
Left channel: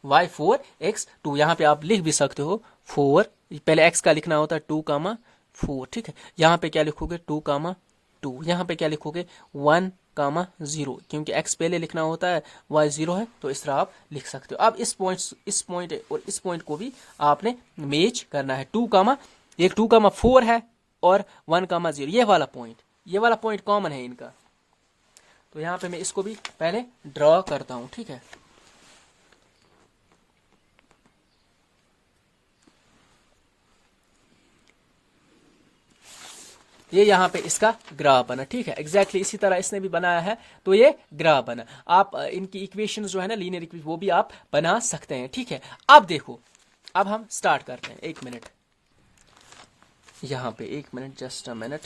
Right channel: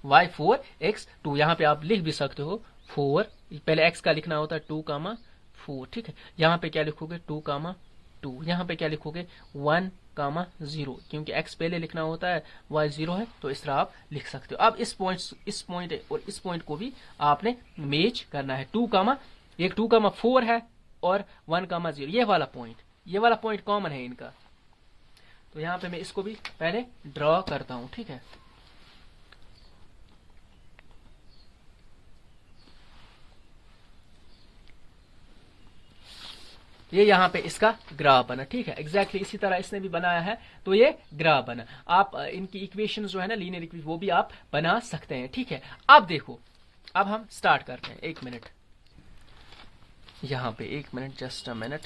y 4 x 2, यहाँ पे आप लिख भी सकते हो 4, पहले x का लिखना होता है 2 कामा 4, ठीक है। यहाँ पे क्या लिखोगे 2 कामा 2, यहाँ पे क्या लिखोगे 1 कामा 0, क्योंकि x पहले लिखना होता है, y 0 है, तो इस तरह आप लिख सकते हो। अब इस पॉइंट और इस पॉइंट को भी आपने मैच करना है। 2 कामा 4 है और 1 कामा 0, ये वाला पॉइंट कॉमन है इनका। तो यहाँ पे मैं इसको भी पहले ड्रॉ करता हूँ, ठीक है। ये यहाँ पे इसका ग्राफ बना, ठीक है। एग्जैक्टली इसी तरह इसने भी बनाया है, तो ये ग्राफ बना। आप इनकी इक्वेशंस जो है ना लीनियर इक्वेशन, वो भी आप बना सकते हैं, ठीक है। अब देखो, अब हम स्टार्ट करते हैं। 1 मिनट, यहाँ पे 1 मिनट, जस्ट अ मिनट।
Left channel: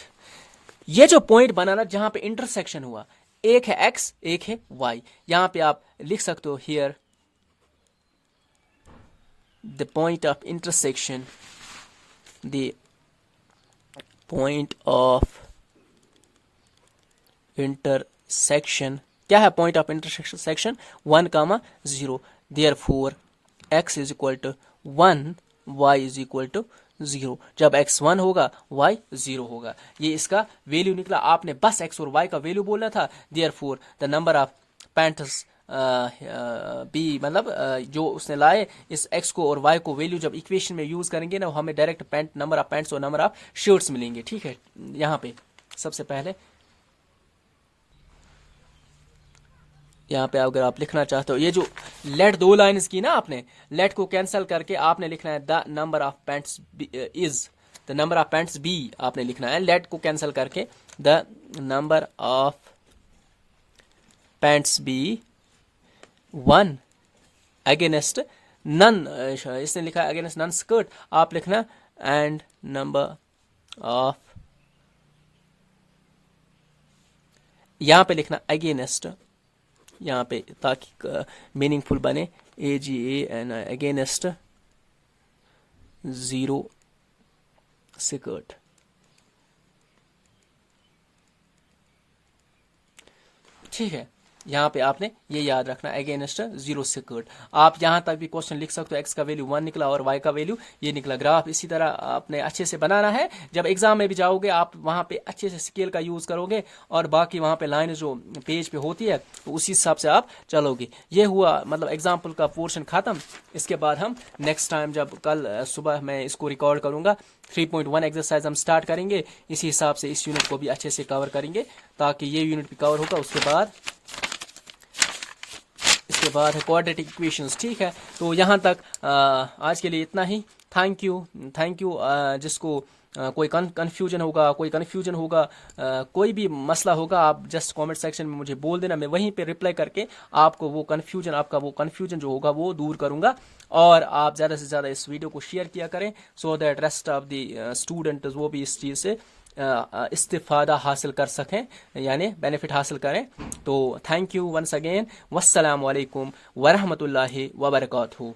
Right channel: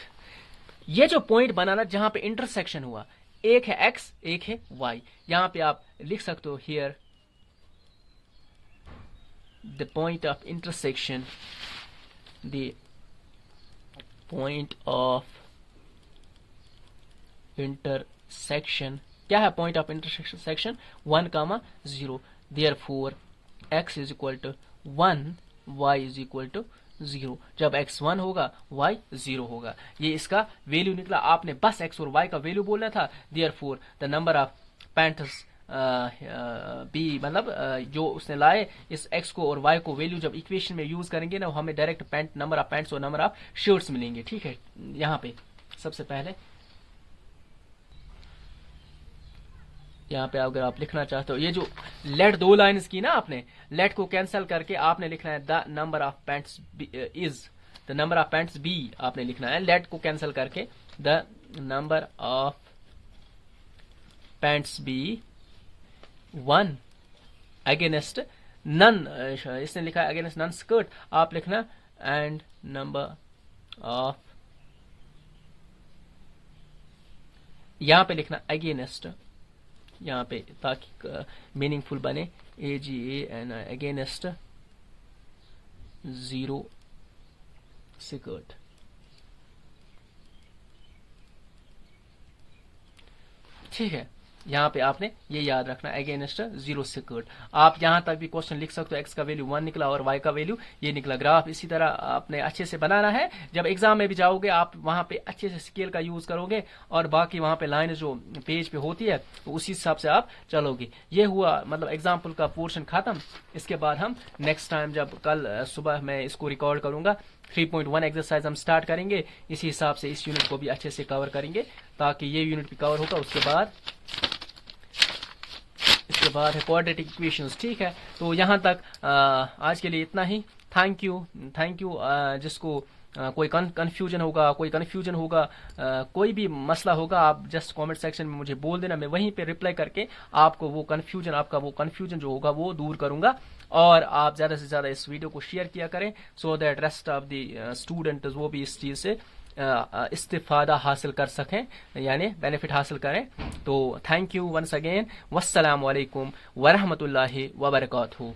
ये जो पॉइंट बना ना जहां पे इंटरसेक्शन हुआ, एक है x एक है y, यहाँ पे आप लिख सकते हो here the point of intersection, the point of intersection, क्या है point of intersection 1 comma 0, therefore x is equal to 1, y is equal to 0। जब x 1 होगा y 0 होगा, ये इसका वैल्यू निकला। आपने बस x और y का वैल्यू बोलना था। Therefore the number of pants be, मतलब जो उसने लाए इस x को और y को वैल्यू जब इक्वेशन में यूज करेंगे ना, हमें डायरेक्ट नंबर ऑफ पैंट्स और नंबर ऑफ शर्ट्स मिलेंगे, ठीक है। यहाँ पे सबसे पहले यहाँ पे अगर आप लिखना चाहते हो, ये जो लेट 2 लाइन्स की ना, आपने लेट को कैंसिल करके आपने लिखना है the number of pants is, the number of pants be आपने लिखना है। लेट को कैंसिल करके the number of pants be 1 against none, इसने लिखा है अगेंस्ट नन स्कर्ट, आप लिखना एंड नंबर ऑफ, यहाँ पे लिखना अगेंस्ट, यहाँ पे ताकि मीनिंगफुल बने, AGA एंड अगेंस्ट 0 स्कर्ट, ठीक है। यहाँ पे आपने ये याद रखना अगेंस्ट 0 स्कर्ट। आप यहाँ तक भी क्वेश्चन लिख सकते हो, x का वैल्यू 1 निकला और y का वैल्यू ये निकला। ग्राफ इसी तरह आपने अच्छे से बनाना है। जब एग्जाम में भी जाओगे आप वहाँ पे अच्छे से स्केल का यूज करोगे और बाकी वहाँ पे लाइन जो पेज पे होती है तो उसी हिसाब से आप चलोगे। ये हुआ मतलब एग्जाम्पल का पोर्शन खत्म। इसके बाद हम नेक्स्ट टाइम जब कल सुबह मैं इसको रिकॉर्ड करूंगा 3.1 एक्सरसाइज हम स्टार्ट करेंगे। इसी हिसाब से इस यूनिट को भी अच्छे से कवर करेंगे ताकि ये यूनिट भी कवर होगा। इसके बाद है क्वाड्रेटिक इक्वेशंस, ठीक है। तो यहाँ तक आज के लिए इतना ही। Thank you. जिसको कोई कन्फ्यूजन होगा, कोई भी मसला होगा, आप जस्ट कमेंट सेक्शन में मुझे बोल देना, मैं वहीं पे रिप्लाई करके आपको वो कन्फ्यूजन जो होगा वो दूर करूंगा। और आप ज़्यादा से ज़्यादा इस वीडियो को शेयर किया करें so that rest of the student वो भी इस चीज़ से इस्तिफादा हासिल कर सकें, यानी बेनिफिट हासिल करें। तो थैंक यू वंस अगेन। वस्सलामु अलैकुम वरहमतुल्लाहि वबरकातुहू।